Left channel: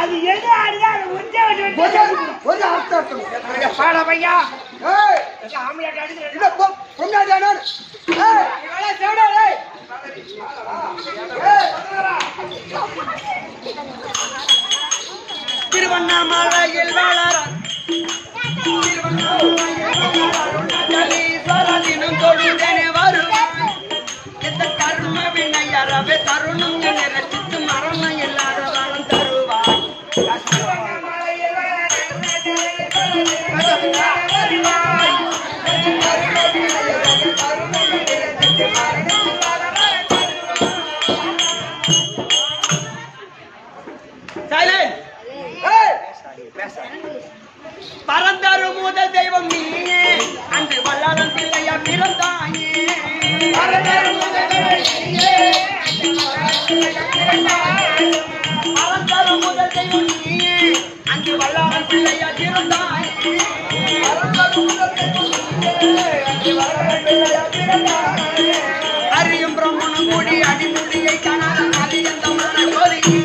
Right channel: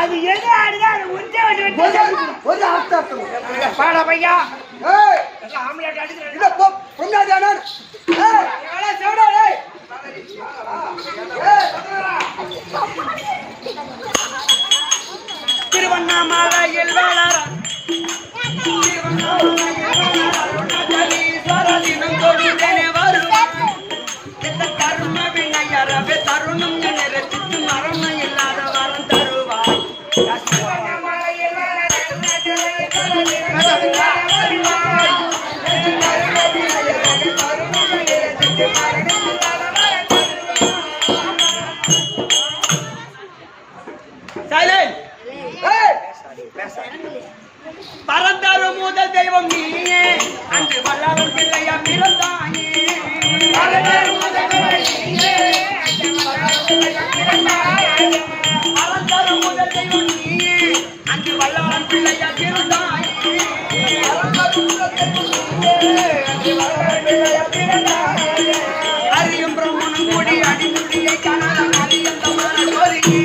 அது எது ஆடுதா அது ஒரு அர்த்தம் பாட பையா ஆம்லெட் அடிச்சு இல்ல பொங்காதானே ஏய் இவளே சவுடா ஏய் திருவண்ணாமலையில் வளர அருணாச்சலீஸ்வரதினும் தொழுதேனே வருவாய் எந்த கர்ம வினையறவே தருணம் என ரசித்து மரணம் இல்லாத வரம் தருவாய் பரந்தரு முதல் தெய்வம் நீயே அன்று வல்லாளன் பிள்ளையா பிறந்தாயே பரந்தரு முதல் தெய்வம் நீயே அன்று வல்லாளன் பிள்ளையா பிறந்தாயே அறியும் பிரம்மனும் கூடி அடிமுடியை காணாத அலியந்தமான கோரிக்கை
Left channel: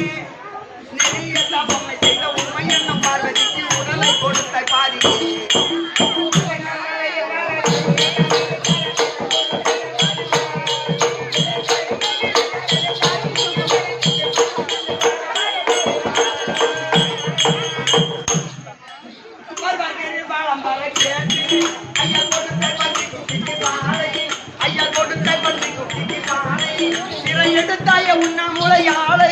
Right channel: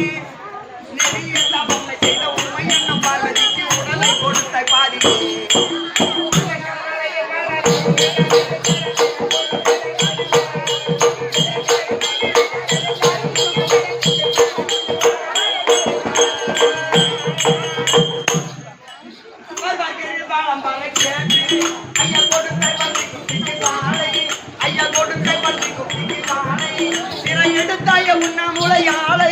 நெறிய தபம்மை செய்த உண்மை எண்ணம் பார்வதிக்கு உடலை கொடுத்த பாதி எடுத்தாய உண்ணாமுலை ஆலை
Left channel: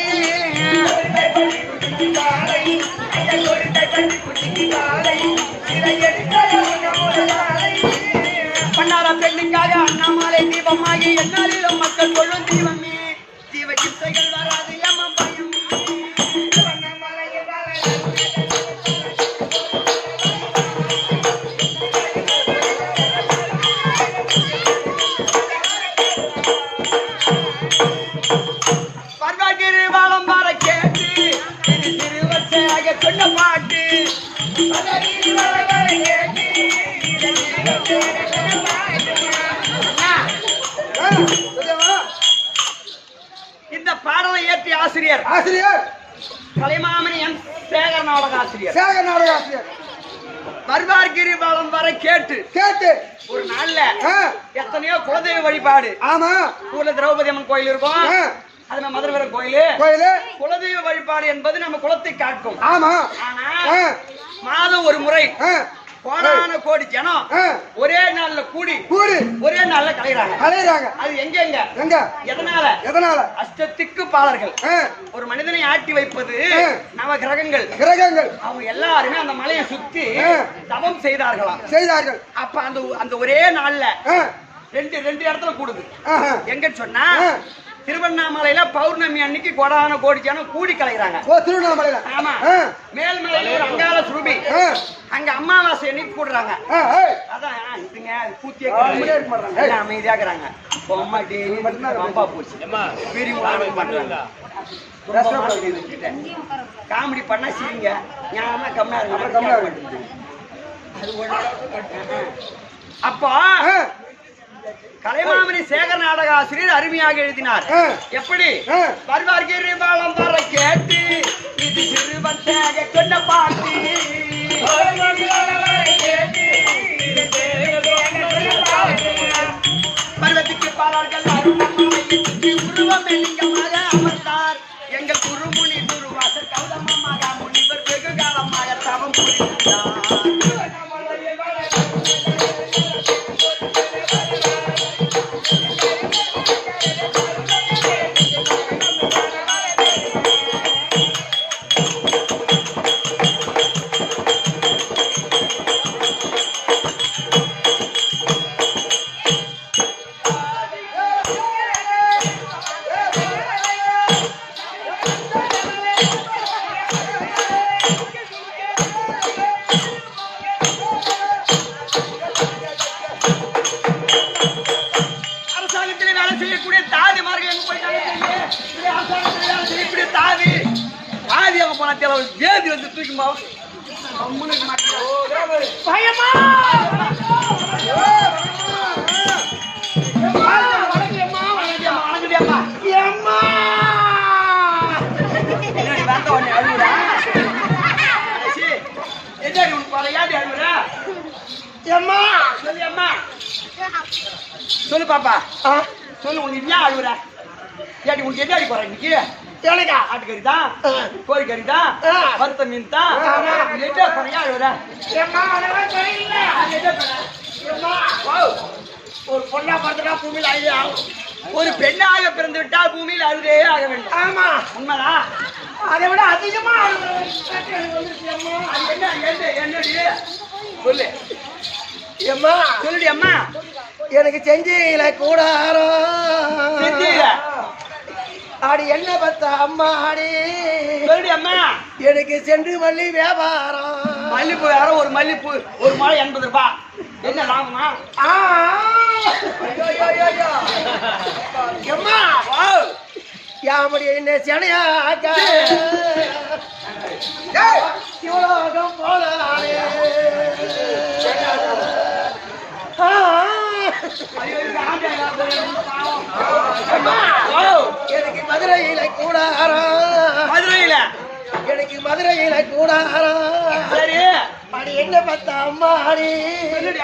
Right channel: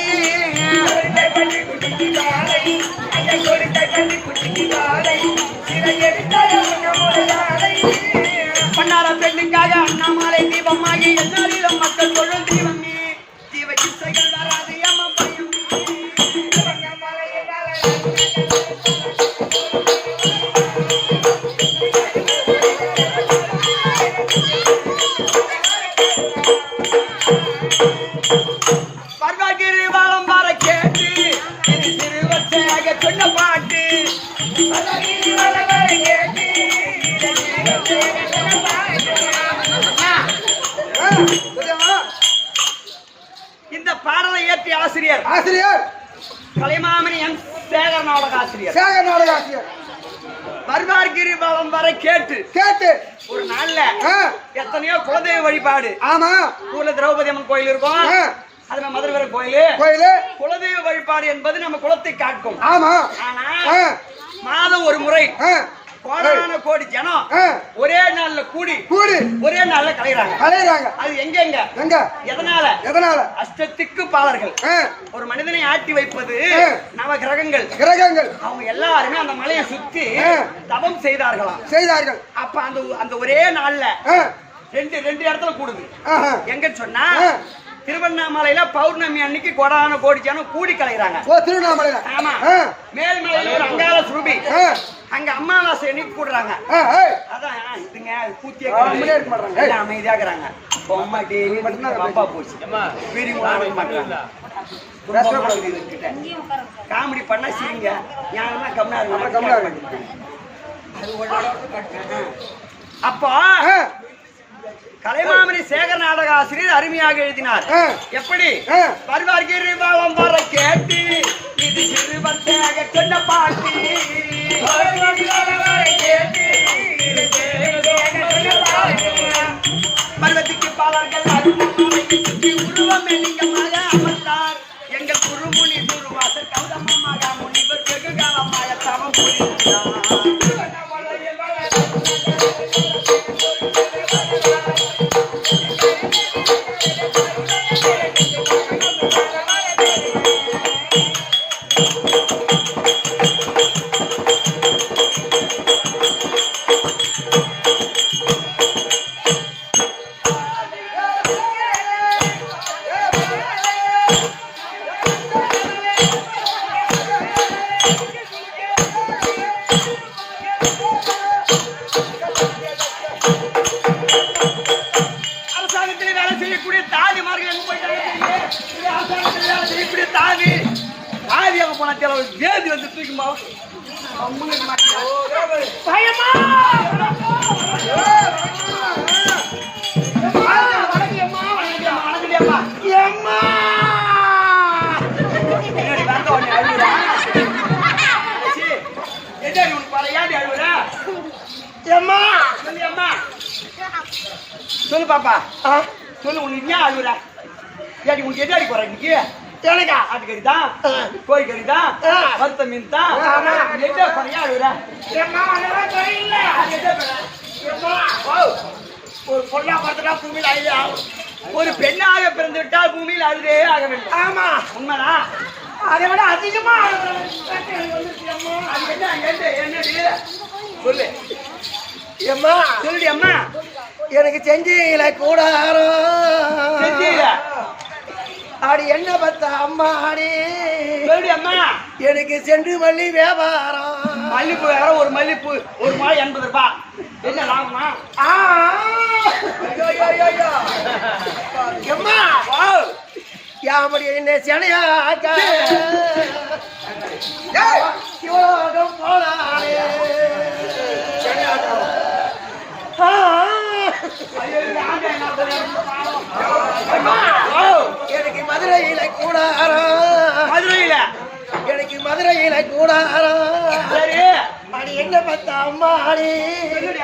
பண்ணார பெண்ணுக்காக அண்ணாமலை தீபமாகி என்னாலும் மக்கள் கொள்ளும் தீபமே தீப இசைகள் வராது ஏமா பயம் சொன்ன பாட்டு இந்த பாடலை ஏற்றி ஆசிரியர் கலைமாமணி எம் சேகர் நாடக ஆசிரியர் மர்வார்கிரி பலம் வரை கேட்டு ஒரு நாள்ல எத்தனையோ குலதெய்வ வழிபாடு ஆமா ஊர்ல திரௌபதி அம்மன் கோயில் இருக்கும் அது மதுரை கோயிலு குலதெய்வ வழிபாடு என்பது நம்ம குலத்தை காட்டும். ஆமா. ஆனா மாதம் ஒரு முறை கோடான கோடி ஜனம் ஒரே நாள்ல கூடி ஒரே நாள்ல கலையறாங்க. அது எங்க எதனால அஷ்டத்திக்கு பாலர்கள் ஒரு மனிதனை ஆட்டி வைப்பது நவ கிரகங்கள் அவங்க எல்லாருமே அந்த மலையை சுத்தி தபம் செய்தார்கள். அப்ப அந்த ஒரே நாள்ல ரெண்டு இடத்துல கூடுது. எங்க சொன்னா திருவண்ணாமலையில பௌர்ணமி அன்னைக்கு கோடான கோடி ஜனம் கூடி கலைகிறாங்க. திருவண்ணாமலையில ஆமா. மேல்மலையில ஒரு அங்காள சுரூபி அங்க அமாவாசை அன்னைக்கு கூடுறாங்க. அதான் இதுங்க பூத்திய அமைதியாக்குறாங்க. பொம்மா டெய்லி பம்பா போச்சு பெரியவங்க அடங்க மாட்டாங்க. காமெடி பண்ணா சிரிங்க ஞானமா கம்னா இருக்கு அப்போ கலைமாமணி சேகர் நாடக ஆசிரியர் அருமையாக எழுதினார். எப்படி வருவார்கிரி பாலம் வர கேட்டு இது சிறுவன் சேக சொன்ன பாட்டி பருவத்துக்கு பாலர்கள் உருவம் எண்ணிக்கமாக அமர்ந்தார் எங்கள் குருமுனி குருவாசர் கௌதமமாக முனிவர் வெகு காலமாக தவம் புரிந்தார். வேதி வந்து தூக்குமா பயமா சொல்லு பாப்பா சொல்லு உனக்கு ஏன் அழுகுற ஏடி உனக்கு எது அடி போற இன்னைக்கு எனக்கா ஆட்டுக்கறி தான் கோழிக்கறி தான் வறுத்த மீன் தான் ஒரு பொண்ணா பிறந்தா பூமியில் அழுதே ஆகணும். ஒரு பெண்ணாக பிறந்து விட்டால் பூமியில் அழுதே ஆக வேண்டும். ஆமா உண்மைதான். அதை விட அதிகமா என்னடி சொல்லு அம்மா சொல்லுடி அம்மா எனக்கு செஞ்சில கூடாரம் செஞ்சில ஆடி என்ன பத்தா அம்மா ஆடி சொல்லுடி அம்மா எனக்கு சென்று மல்லி வியாபாரம் மல்லிப்பூ வேற ஒரு மல்லிப்பூ ஒரு மாலை 80 ரூபாய் என்ன லாபமா அம்மா யாமடி என்ன செனையா சிவலோகம் போனாரே எனக்கு மதுரையில கூடாரம் மதுரையில எனக்கு மதுரையில கூடாரம் சரி அடி எங்க பார்த்தா அம்மா அடி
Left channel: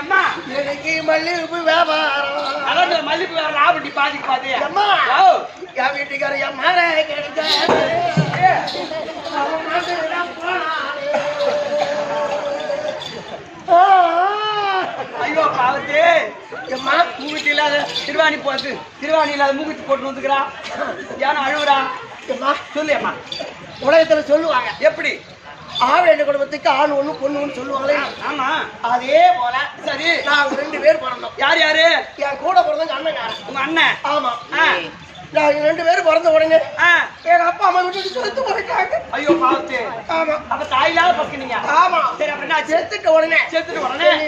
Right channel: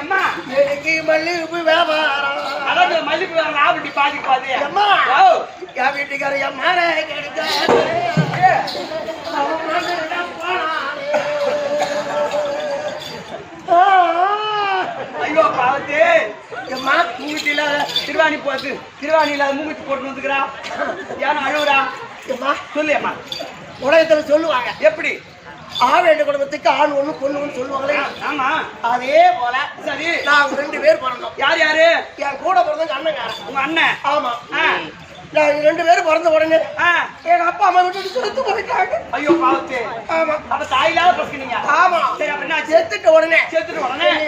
அம்மா எனக்கு மல்லிகைப்பூ வியாபாரம் அதாவது மல்லிகைப்பூ லாபட்டி பாதி பாதி அம்மா என் வீட்டுக்கார என் மாற ஐயோ பாவத்து எம்மா மூக்குத்தி இல்லாத திருவாணி போட்டு திருவாணி இல்லாத மூக்குத்தி போட்டு வந்துக்கிறான் ஏன்னா அழுவுறா எம்மா சொல்லு அம்மா உலகத்துல சொல்லுவாங்க எப்படி ஆவேண்ட குடும்பத்துக்கு ஆண் ஒண்ணு பொண்ணு ஒண்ணு சொல்லுவாங்களே ஆமா அதே போல சரி நாங்க 2 பேர் பிறந்தோம் யார் யாரு என் கூட பிறந்தவங்க அண்ணன்காரன் உங்க அண்ணன் ஆமா நாங்க 2 பேரும் பிறந்த உடனே எங்க அப்பா அம்மா விட்டுட்டு செத்து போயிட்டாங்க ஐயோ பாவத்து ஆமா அப்ப தாயிலாத பசங்க ஆமா சரி அப்ப நான் செத்துட்ட உடனே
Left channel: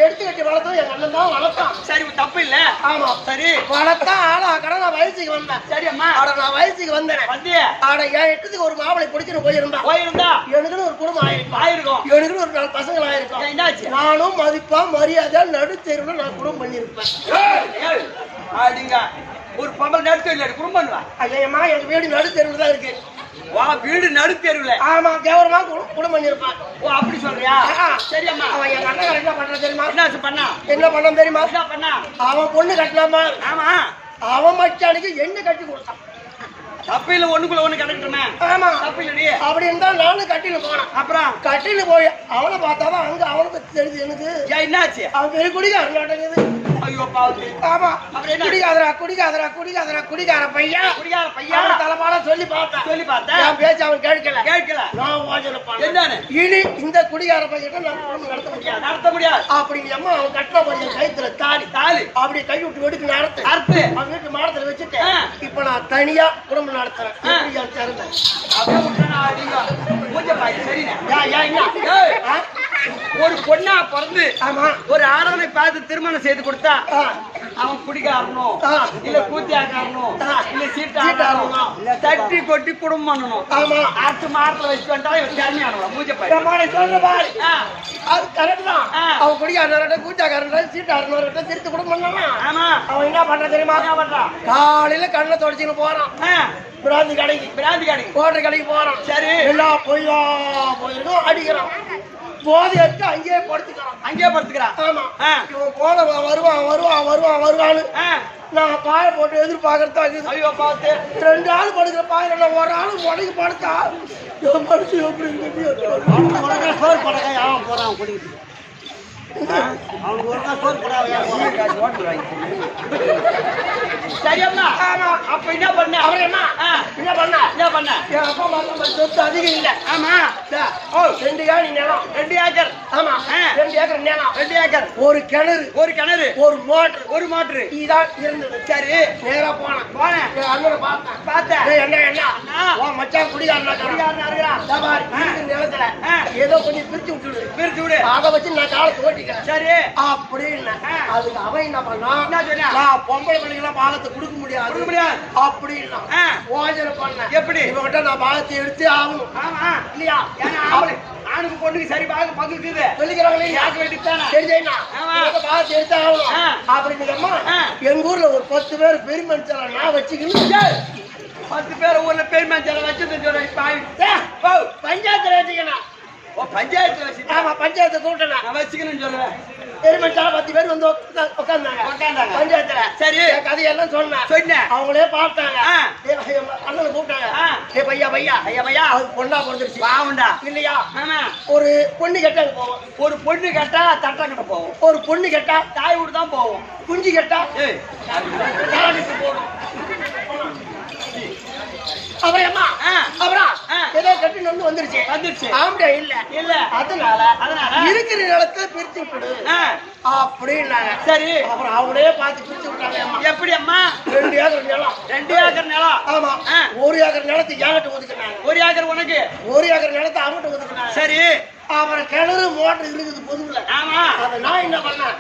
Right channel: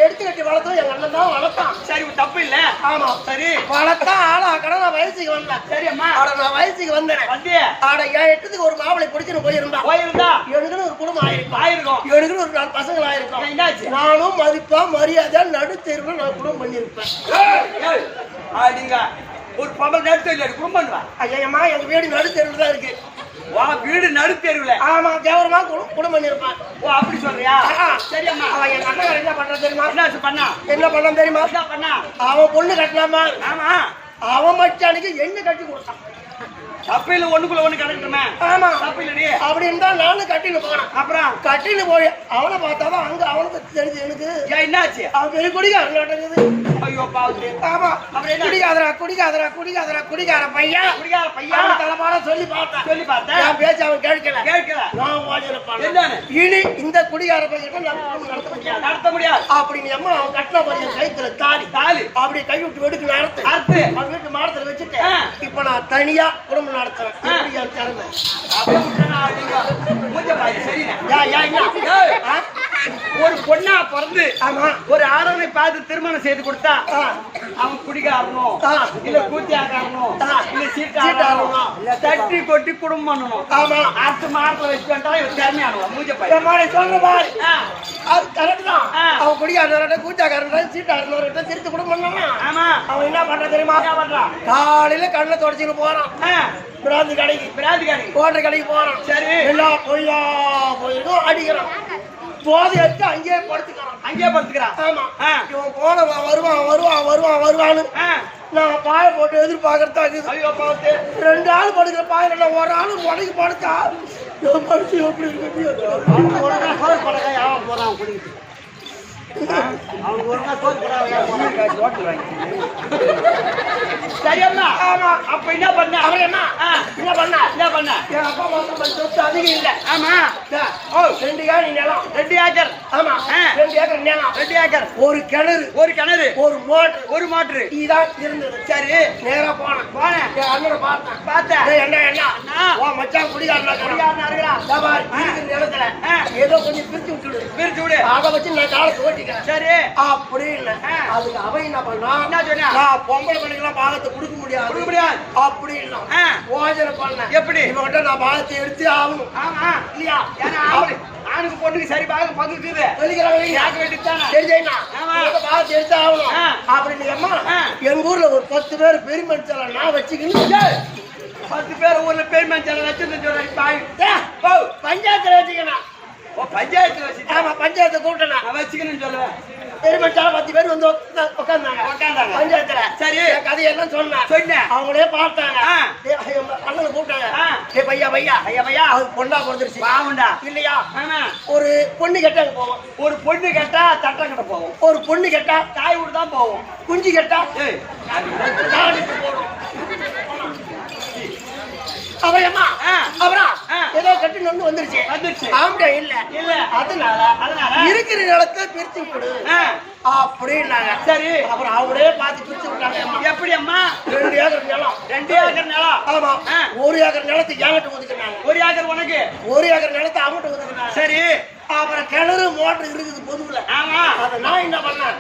எடுத்து கட்டி வளர்த்தோம் எங்க அண்ணன் தான் வளர்த்தான் சரி தப்பு இல்ல ஆமா சரி வளர்த்தா ஆளாக்கட நான் வயசுக்கு வந்தேன் சரி அம்மா ஆட நான் வயசுக்கு வந்தேன் வந்தியே ஆட என் எட்டுக்கு ஒரு மாவளை பிடிச்சிட்டு போயிருந்தா எனக்குன்னு ஒரு குடும்பம் ஆயிருக்கும் எனக்குன்னு ஒரு 4 பசங்கள் ஆயிருக்கும் என்னாச்சு நானும் மதிப்பா மரியாதை நடுத்தெருவுல நான் குடும்பம் பண்ணிருப்பேன் அப்படிங்க ஒரு பம்பல் நடுத்தெருல குடும்பம் பண்ணுவா ஐயம்மா எங்க வீடு நடுத்தெருவுல தான் இருக்கு வா வீடு நடுத்தெருவுல ஆமா கேவலமா குடும்பம் பண்ணிருப்பான் ஓ அப்படி சொல்றியா சரி அம்மா அவன் எங்க அண்ணன் என்ன பண்ற தெரியுமா என்ன பண்ண தெரியுமா என்ன பண்ணா அவன் பொண்ணு கட்டலாமா ஆமா அவன் மச்சானுக்கு என்ன கட்டி கொடுத்தான் தப்பில ஒண்ணுக்குள்ள ஒண்ணு கிடக்கட்டுமே ஆமா தப்பில்லடி அப்படி இருந்தா நானும் கட்டின்னு போனேன் அப்புறம் கட்டின்னு போய் அவனை பார்த்தாதான் அங்க அவனுக்கு தெரிஞ்சு எனக்கு என்னாச்சு அவன் பெரிய குடிகாரன் ஐயோ பாவத்து ஆமா குடிகார பையன் தலைப்பாட சொல்லி பார்த்தேன் என் பேச்சு அவன் கேட்கல நான் ஓஜனை இனி இந்த குடிகார பையன் நான் குடும்பம் நடத்த முடியாது அப்படின்னு அம்மா அவன் கட்டின பையன் கைத்துல தாலி அப்படி கை விட்டு வெடுக்கு நடத்து அவன் வீட்டு மாடத்துல வச்சுட்டு இப்ப நான் தனியா குடும்பம் நடத்துறேன் அப்படியே விட்டா கொஞ்சம் சரிண்ணா ஒரு பொண்ணா பிறந்து ஆமா ஒரு ஆடவனை பார்த்து திருமணம் செய்து கொடுத்தா அவன் குடிக்காரனும் இல்ல கூத்தியாக்காரனும் இல்ல சீட்டாரனும் தட்டி கொட்டி குடும்பம் பண்ணணும். ஆமா அடுத்த மாரத்துல வச்சு பண்ணிட்டா இவன் திறமையானவன் மூஞ்ச பையன் சொல்ற பாரு. அது கரெக்ட் தான். அவன் குடிக்காரன் கூத்தியாக்காரன் சீட்டாரன் திருத்து குடும்பம் பண்ணலாம். ஆமா அவன் என்ன பண்ற தெரியுமா? காலையில கண்ணை தொடச்சின்னு போறான் பிராந்தி கடைக்கு கோட்டை கடைக்கு போறான். சரி எல்லாம் பொய்யா போயிருக்கோம் அடிக்கிறான். போதை எடுத்து அங்கேயே படுத்துக்கிறான். ஆமா இவன் போன வருவான்னு நான் பாய போட்டு எதிர்பார்க்கறதா. ஐயோ பார்த்து 2 ஆள் படுக்கிற பாயில நான் ஒரு ஆளு முடங்கி படுத்தா படுத்து எப்படி இருக்கு போறான் குடிக்கிட்டு சரியம்மா. ஆமா அப்ப என்ன பண்ண அவரேம்மா என்ன பண்ண என் அப்பா மாசம் சொத்து அதிகம் இல்ல. ஆமா 2 ஏக்கர் நிலம் 2 ஏக்கர். ஆமா 2 ஏக்கர் நிலம் 2 ஏக்கர். ஒரு கிணறு ஒரு மோட்டர் இதான் இருந்தது. சரி நேரா போனேன் என் அண்ணனை பார்த்தேன். என்ன உன் மச்சான் குடிகாரனா இருக்கிறான் நிலத்துல ஏதோ கொஞ்சம் பிரிச்சு விடு அதை வச்சு நான் காலத்தை ஓட்டிக்கிறேன். சரி அப்படின்னு அதுக்கு அவன் என்ன பண்ணா நான் பொம்பளை பிள்ளைங்களாம் பாகத்தை கொடுக்க முடியாது அப்படின்னு யோசனை பண்ண. எப்படி இவங்கிட்ட நான் பாகத்தை எடுத்து ஆகணும். ஆமா இல்லையா ஏன்னா ஆணுக்கு பொண்ணுக்கு சரி பாகம் பங்குக்குது சொல்லிக்கிறாங்க. தெரிஞ்சா பாகத்தை எடுத்து ஆகணும் அப்படின்னு எங்க ஊர்ல ஒரு 10 பேர் பெருமனுச்சால நான் வச்சுக்கணும். 10 பேர் ஊர்ல பெருமனுச்சால வச்சு பஞ்சாயத்துல வச்சுக்கணும். பஞ்சாயத்துல வச்சு ஆமா பஞ்சாயத்தை கூட்டணும் வச்சுக்கணும்னு சொல்றேன். பெருமச்சால 10 பேர் வந்து உட்கார்ந்தாங்க பஞ்சாயத்துல. சரி கதையெல்லாம் சொன்னேன். அவங்களே பார்த்தாங்க. அண்ணனை கூப்பிட்டாங்க. பையா அது பொண்ணா பிறந்துருச்சு பாவுண்டா இல்லையா? ஒரு பொண்ணு கேட்டா போவோம். ஒரு பொண்ணு கேட்டா தட்டம் கிட்ட போவோம். ஒரு பொண்ணு கேட்டா தாய் வீடு தான் போவோம். குஞ்சு கேட்டா போகணும். அப்புறம் ஏதோ கட்டு வந்துருச்சு. ஆம்பளை இல்ல அதனால இருக்கிற நிலத்தை பிரிச்சு விட்டுடு அப்படின்னாங்க. சரி அப்புறம் அவங்களே பார்த்து பிரிச்சு விட்டாங்க. எப்படி அம்மா 2 ஏக்கர் நிலம். ஆமா 1 ஏக்கர் நிலத்தை என்கிட்ட ஒதுக்குனாங்க. 1 ஏக்கர் உனக்கு 1 ஏக்கர் நிலத்தை அவங்கிட்ட ஒதுக்குனாங்க. சரி அப்புறம் கிணறு மோட்டர் இருக்குது பொதுவுல. ஆமா அத நான் என்ன பண்ணேன்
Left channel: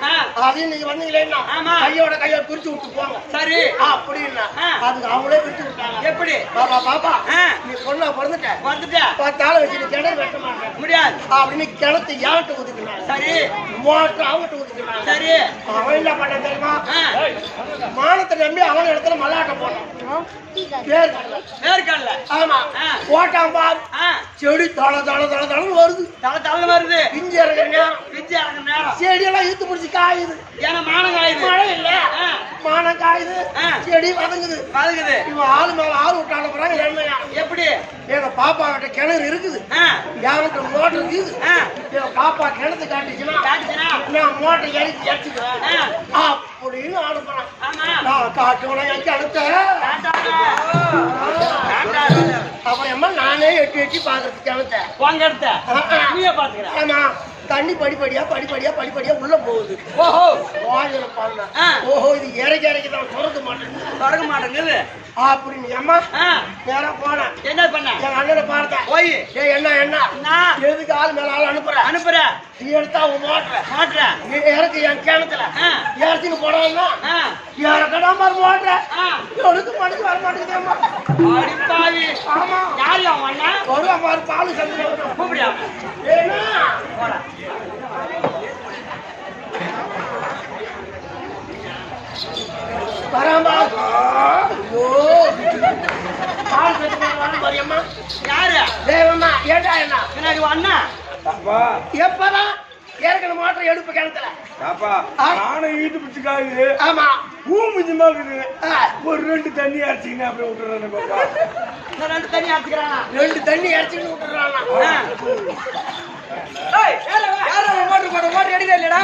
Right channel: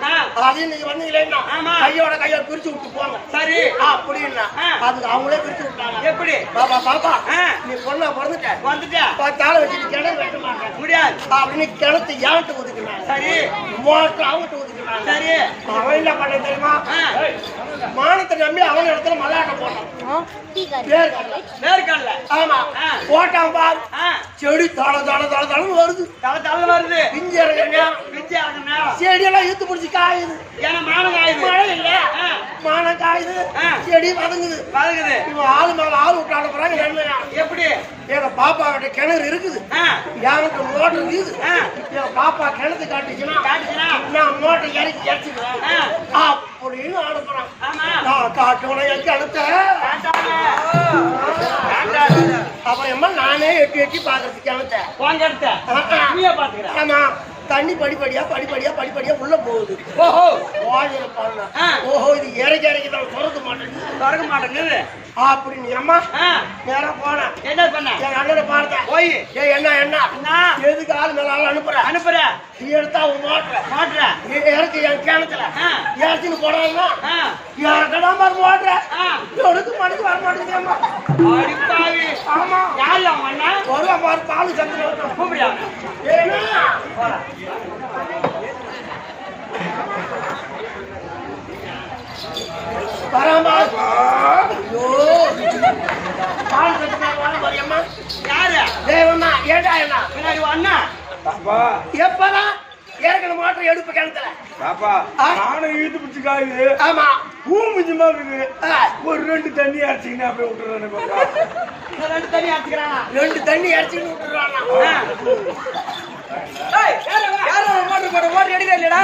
அதையும் நீங்க வந்தீங்களேன்னா கையோட பிரிச்சு விட்டு போங்க. சரி அப்படின்னா அதுக்கு அவங்களே பிரிச்சு விட்டாங்க. எப்படி பாப்பா நீ பொண்ணா வந்துட்ட 10 ஆளை வச்சு நீ கிணறு வெட்ட மாட்டேன் முடியாது அப்படின்னு கிணத்து என்கிட்ட ஒதுக்குனாங்க. சரி மோட்டர் அவங்கிட்ட ஒதுக்குனாங்க. சரி அவன் என்ன பண்ண தெரியுமா? மானத்தை நம்பி அவன் இடத்துல மல்லாட்ட போட்டான். வேர்க்கடல ஆமா போட்டான் பாரு. செடி தளன்னு வருது. பிஞ்சு இறங்குற நேரம் செடியெல்லாம் இழுத்து பிடிச்சி காயுது. ஏன்னா மானம் காயுது. மழை இல்ல மானம் காயுது. செடி வதங்குது. இவன் ஆளு மேல ஆள் விட்டான பிறகு நன்மையா எப்படி எங்க பாப்பா கிட்ட கிணறு இருக்குது. என்கிட்ட மோட்டர் இருக்குது. எங்க பாப்பா கிணத்து காட்டுச்சுன்னா நான் மோட்டர் இறச்சிக்கிறேன் அப்படின்னு அனுப்புறான். நான் காட்டுவன எங்க அனுத்த அப்புறம் நானே எட்டி பாக்குறதுக்கு கிணத்த. ஆமா தண்ணி படிப்படியா உள்ள போகுது. ஓஹோ இது இறக்கி தான் திறக்க மாட்டேங்குது அப்படின்னு அம்மா நேரா போனேன். என்ன பண்ண என் அண்ணனை பார்த்தேன். போய் என்ன எதுக்கு ஆள் மேல ஆள் அனுப்புற நீ எடுத்தா மாட்டுற இறக்கு என் கிணத்துல இறச்சின்னு போடான்னா இறக்கடாம பாரு மாட்டுற எடுத்து மடிச்சு வர மாட்டேங்குது அம்மா. ஆமா யாரு அவன் அண்ணா வருவான் பாரு பாலு சந்திர கூப்பிடியா ஏன்னா பராம்பா ஐயோ பால் சத்துக்காரன் அம்மா யாரு தேவம்மா ஏண்டா என்ன பின்னாடி அண்ணா பாப்பா எப்பதான் ஏற்கனவே மோட்டர் எடுப்பு கிணத்துல பாப்பா நானும் இழுத்து பிடிச்சுக்காது. ஆமா பூ மிஞ்சமா இருக்குது. ஒரு 2 தண்ணி அரைச்சிங்கன்னா அப்படியே விட்டுறானே பாப்பா. 2 தண்ணி அரைச்சிக்கிறானா 2 தண்ணி அரைச்சின்னு விட்டுறானா. மோட்டர் எடுக்க இல்லையா?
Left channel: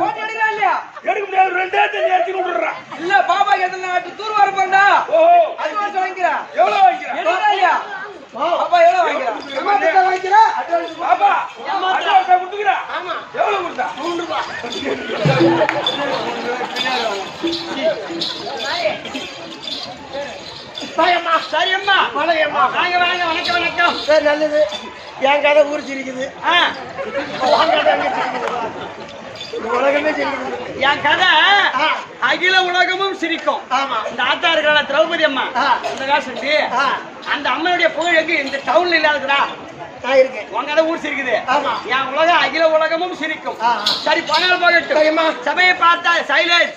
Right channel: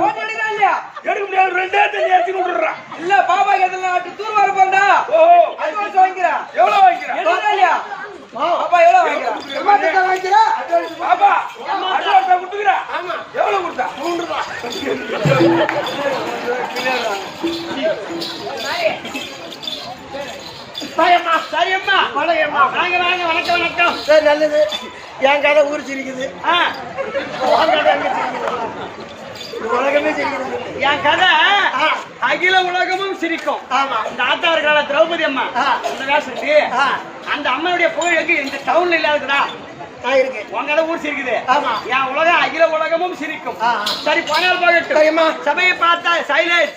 மோட்டர் எடுக்க இல்லையா? எடுக்க முடியாது. 2 தண்ணி அரைச்சு விட்டுறான். இல்ல பாப்பா எத்தனை தூர் வர போறா? ஓஹோ அட்வான்ஸ் வாங்கிக்கிறா. எவ்வளவு வாங்கிக்கிறா இல்லையா? பாப்பா எவ்வளவு வாங்கிக்கிறா? பாப்பா அட்வான்ஸ் கொடுத்துக்கிறா. ஆமா எவ்வளவு கொடுத்தா? 3 ரூபாய். சரியம்மா வணக்கம். சரி நல்லது என் கதை ஊர் சிரிக்குது உன் கதை அங்க சிரிக்குது உலகமே சிரிக்குது என் கதை அகில உலகமும் சிரிக்கும் ஆமா இந்த ஆத்தா இருக்கிற திரௌபதி அம்மா அந்த காசு அந்த அம்மையுடைய புகழ் எங்க இந்த டவுன்ல இல்லாதடா நான் இருக்கேன் உன் கதை ஊர் சிரிக்குது ஆமா என் உலகம் அகில உலகமும் சிரிக்கும் சரி பணம் போகட்டும் சபையை பார்த்தா சைலன்ஸ்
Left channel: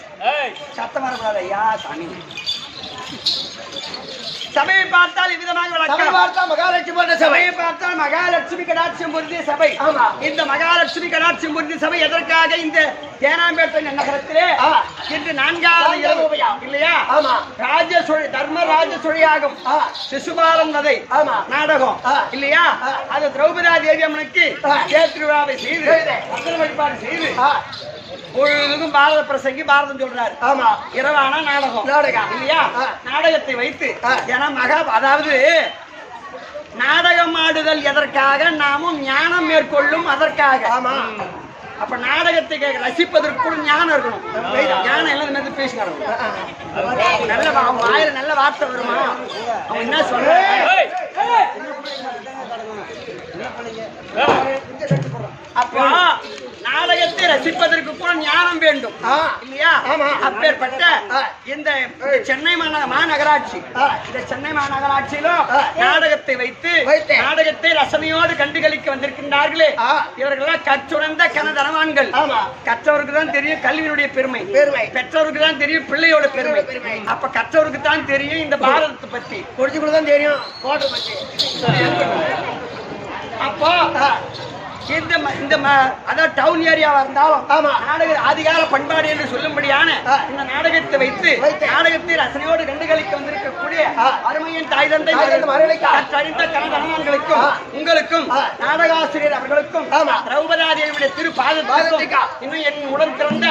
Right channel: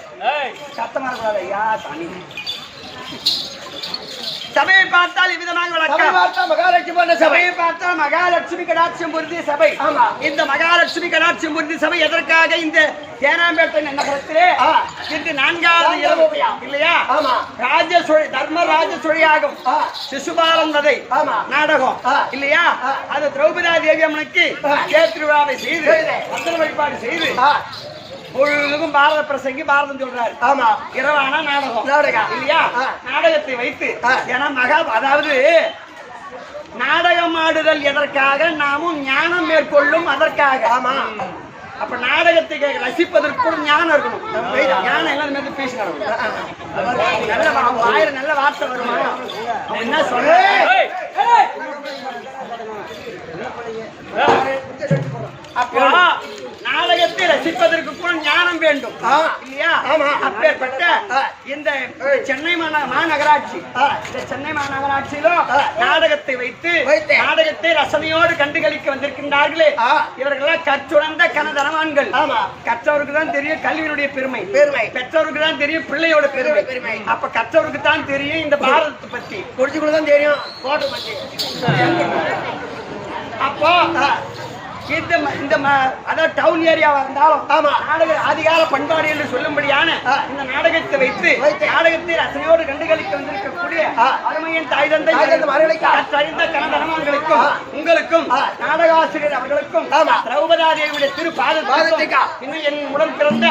சத்தமா இருக்கக்கூடாது ஐயா சாமி சபையை பார்த்தால் இவ்விதமாக வணக்கம் சபையை பார்த்தால் மகாலட்சுமி கடாட்சியம் பொருந்திய சபை இந்த மகாலட்சுமி கடாட்சியம் பொருந்திய சபை எதற்காக இந்த தேனாம்பேட்டை நகரத்திலே இன்று 4வது இரவு இல்லையா தர்ம ராஜ சுழியாகும் சிசுபாலன் வதை நாடகம் இல்லையா அது திரௌபதி தேவி அம்மனுக்கு தேர்திருவிழாவை செய்து மந்திர வழிபாடு செய்து பொழுதுக்கும் பாரத பிரசங்கி பாரதம் சொல்றாரு ஆமா இரவான நாடகம் இல்லையா நாடகத்தை வைத்து ஏன்னா அதாவது நாடகம் ஆடுதல் எதற்காக நாமும் ஞானம் மேற்கொள்ளும் அதற்காக ஆமா அப்ப நாடகத்தை ரசிப்பதற்கு கூட ஞானம் இருக்கணும் ஞானம் எல்லாம் இந்த மாதிரி பேசினாங்க நல்ல வாயில நல்ல வார்த்தை வருமா அவன் என்ன சொல்ற அப்போ நாடகத்தை ரசிப்பதற்கு கூட ஞானம் வேண்டும் இல்லையா அப்பேற்பட்ட இந்த சென்னை மாநகராட்சி இந்த சென்னை மாநகராட்சியிலும் நாடகத்தை வைத்து நாடகத்தை ரசனையோடு கண்டுகளிக்க வந்திருக்கின்றார்களே இவர்களெல்லாம் கற்றுணர்ந்த கனதனவான்கள் கற்றவருக்கு தான் தெரியும் கல்வியினுடைய பெருமை பெற்றோருக்கு தான் தெரியும் பிள்ளையோட பெருமை அப்ப கற்றவருக்கு தான் தெரியும் இந்த பாரதத்தை பத்தி குறிச்சுக்குள்ள தான் தெரியும் கோட்டை பத்தி அப்போ இந்த அதாவது டவுன் ஏரியாவா இருந்தாலும் நாடக ஆதிகால பண்பாடு என்று சொல்லும்படியான இந்த நாடகத்தை வைத்து நாடகத்தை ரசனையோடு கண்டுகளிக்க வந்திருக்கக்கூடிய அருமையின் தாய் தந்தை கற்றறிந்த கனதனவான்களுக்கும் உங்களுக்கும் நாடகாசிரியர் அவர்களுக்கும் திரௌபதாதேவியுடைய திரு பாதத்திற்கும் இன்னும் என் உடல் பிறந்த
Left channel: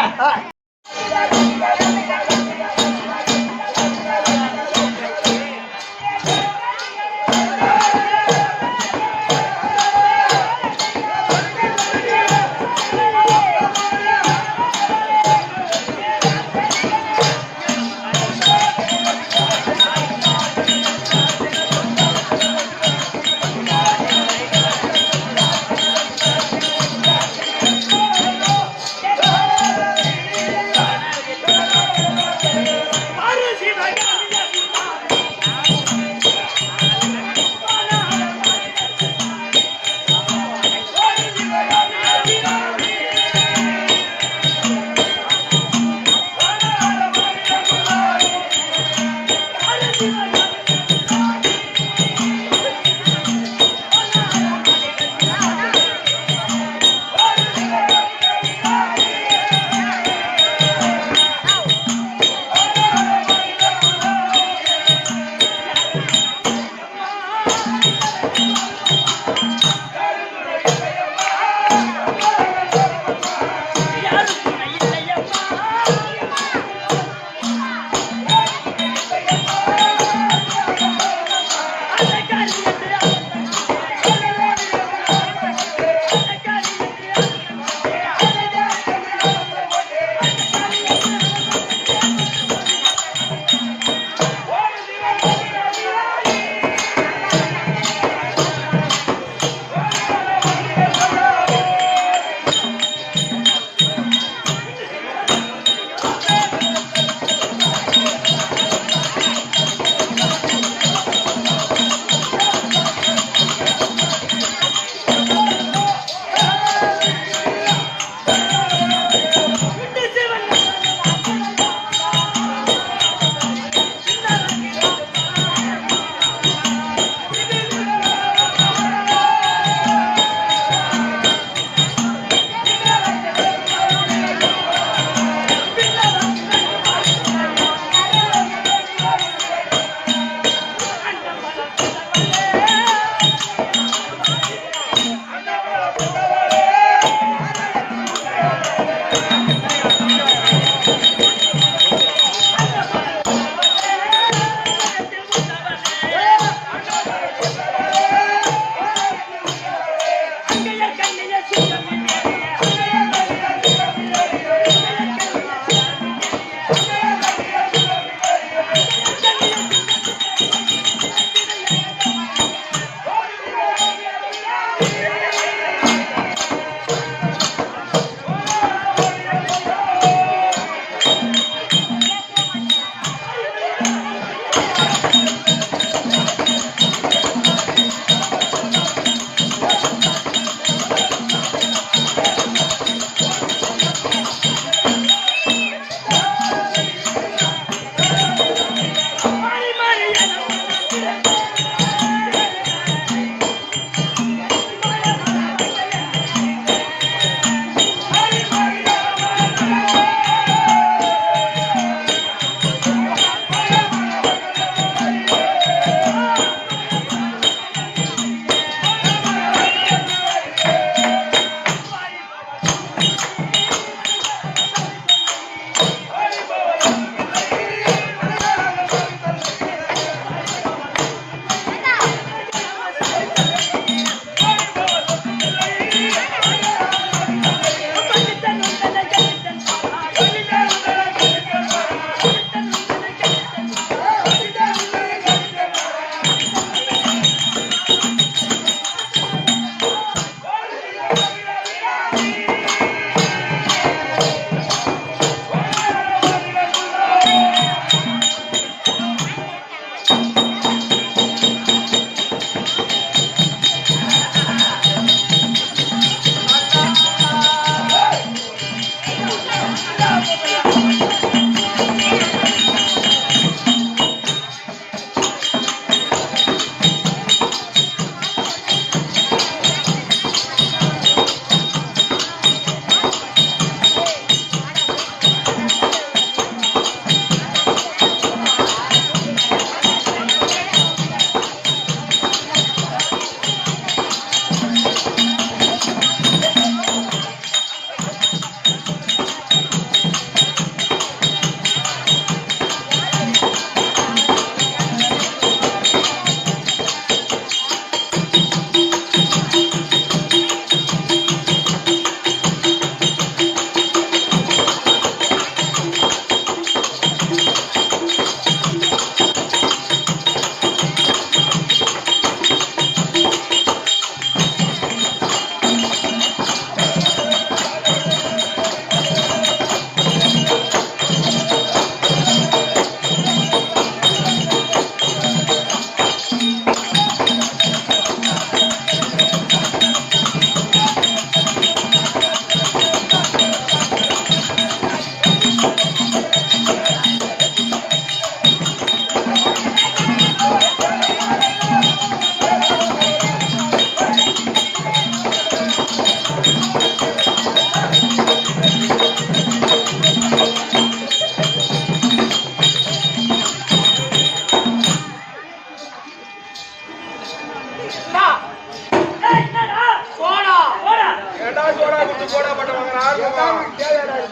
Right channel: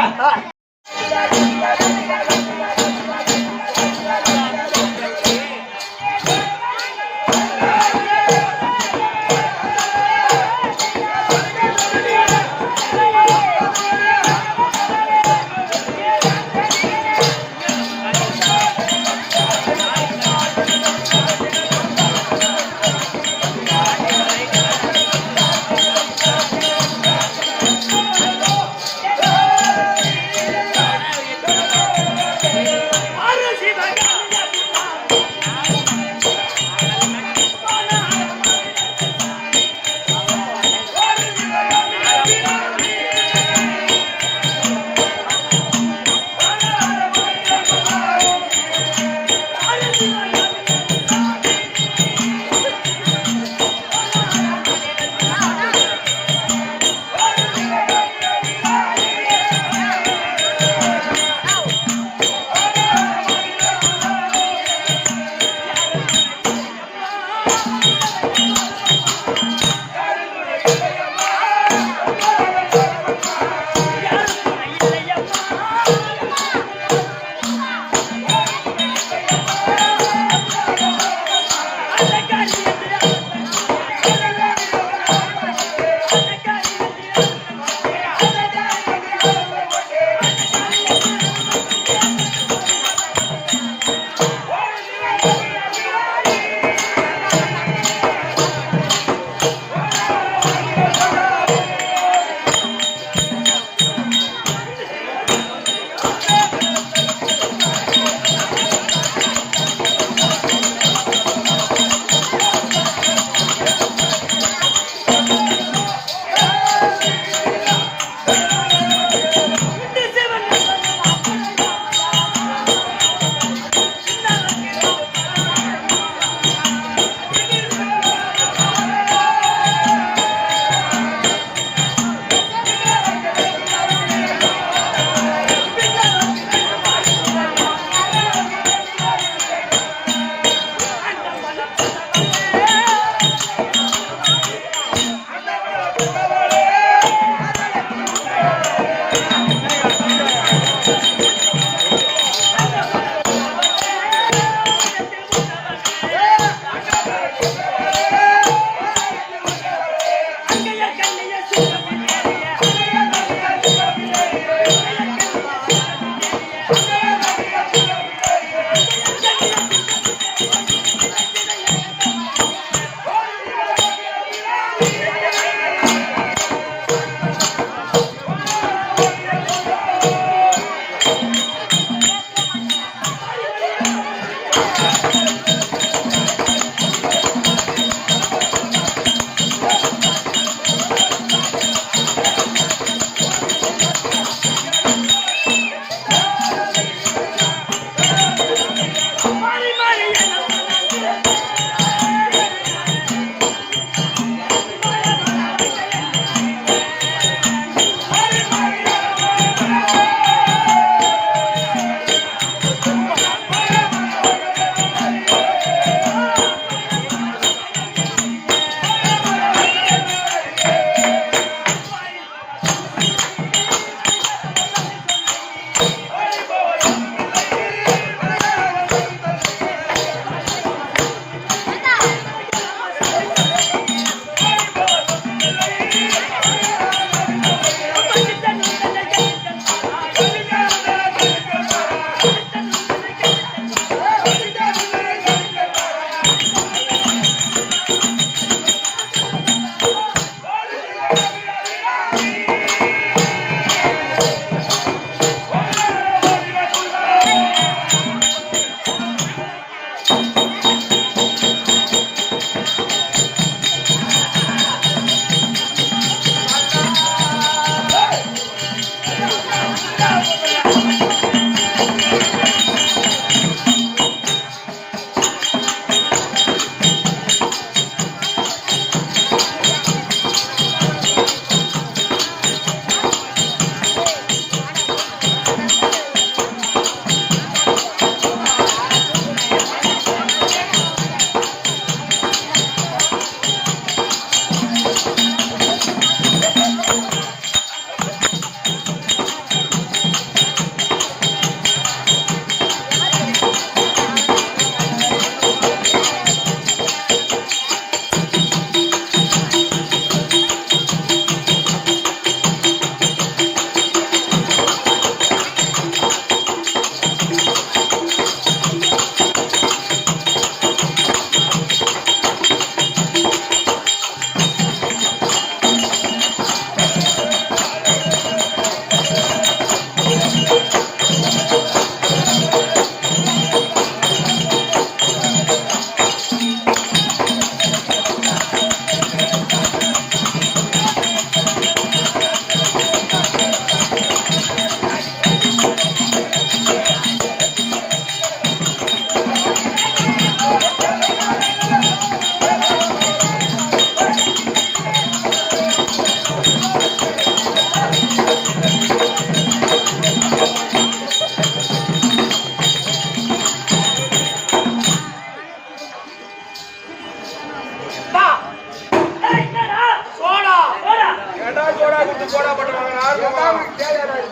சோடா கொடுத்து போடா பட்டவங்க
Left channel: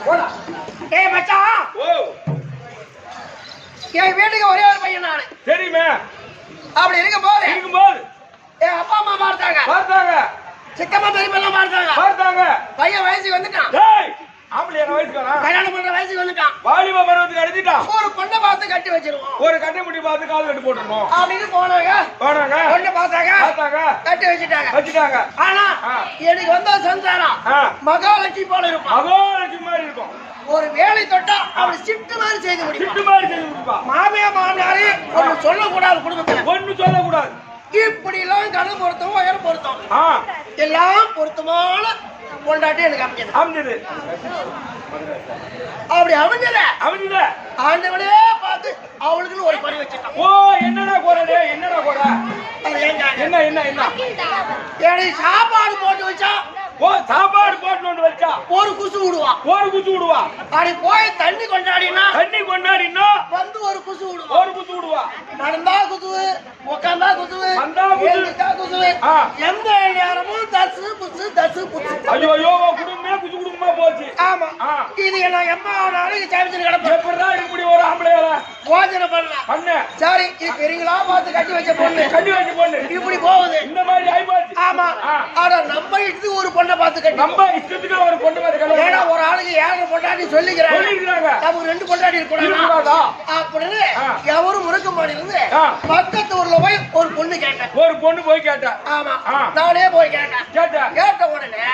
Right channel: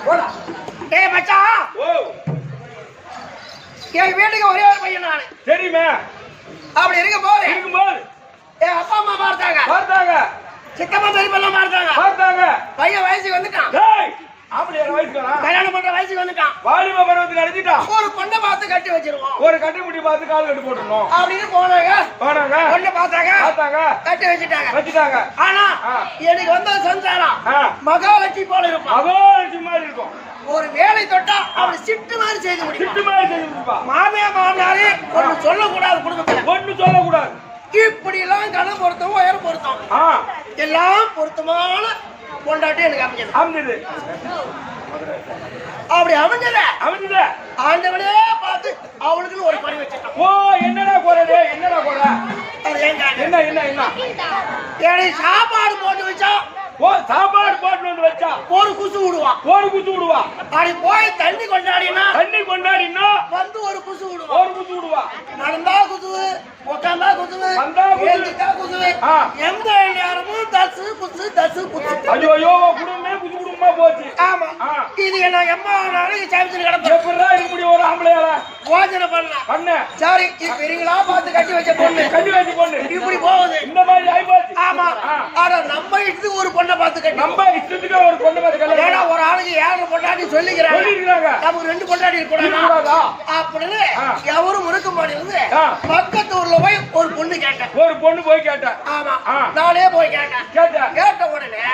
போடா. டேய் மச்சான், ஓ என் வீட்டுக்கு ஒரே ஒரு பையன் நானு. தெரியுமே. அப்படி இருக்கும்போது இருக்கும்போது என் அப்பா அம்மா பார்த்தாங்க, சித்தப்பா பெரியப்பெல்லாம் பார்த்தாங்க. பையன் வயசுக்கு வந்துட்டான். டேய் ஆம்பளையா வயசுக்காரா? கல்யாணம் பண்ற வயசுக்கு வந்துட்டான். வாலிப பருவத்துக்கு அடிச்சிட்டான். ஒரு பொண்ணை பார்த்து கட்டி வச்சிருவோம், ஒரு கட்டை முடி பார்த்து கால் கட்டு போட்டுறணும் அப்படின்னு போனாங்க. பொண்ணை பார்த்தாங்க, கட்டி வச்சுட்டாங்க. ஆனா எனக்கு வந்த சந்தானம் மகாலட்சுமி போல இருப்பான். மகாலட்சுமி மாதிரி இருக்கும். ஒரு வேலை தொட்டா அப்படி சிட்டு மாதிரி செய்து முடிப்பா. மாமியாரு ஒண்ணு சொல்லக்கூடாது, குடும்பத்துல ஒண்ணு சொல்லக்கூடாது. இப்படி எல்லாம் கணம் பொருத்தம், உயரம் பொருத்தம் எல்லாம் பொருத்தமான கொண்டாட்டி எனக்கு அமைஞ்சது. அப்படி அமைஞ்சத ஆண்டவனே பார்த்து அவளுக்குன்னு ஒரு பறி வச்சிட்டான். ஓ என்னடா குறடே, என்னடா குற? என்ன என்ன என்ன? ஏடி சாப்பாடு போட்டு வச்சா, ஓ சாப்பாடு போட்டு வச்சா ஒரு குசு விடுவா. அப்படி போய் தண்ணி கொண்டாடினா வந்து ஒரு குசு விடுவா. நடந்தா குசுவு, உட்காந்தா குசுவு, எழுந்துட்டா குசுவு. எந்த நேரமும் தசு புசு. ஐயோ குடும்பமே குசு குடும்பமா போச்சு. ஆமா, இது என்ன எம்மா நாளைக்கு சாமிச்சு கிடப்பேன். எப்படா இப்படி ஒரு ஆம்பளையால போஜனை பண்ண சரி, இது பெரியங்களா பார்த்து கட்டி வச்ச பொண்ணு இப்படி போகுது. இந்த மாதிரி ஆயிப்போச்சு. ஆமா, ஆனா நம்ம இது ஒரு பொண்ணை பார்த்து கட்டி, நம்ம இஷ்டத்துக்கு ஒரு பொண்ணை பார்த்து கல்யாணம். ஏன்னா ஒரு ஆளுக்கு 7 பொண்டாட்டி சொல்லிக்கிறாங்க, நமக்கு 2 பொண்டாட்டி இருக்கக்கூடாதா அப்படின்னு எவரும் முறுக்க மாட்டேங்குது. பக்கத்து ஊர்ல போய் ஒரு பொண்ணு கேட்டேன். ஒரு பொண்ணு போய் கேட்டேன். ஆமா, நானே போய் கேட்ட உடனே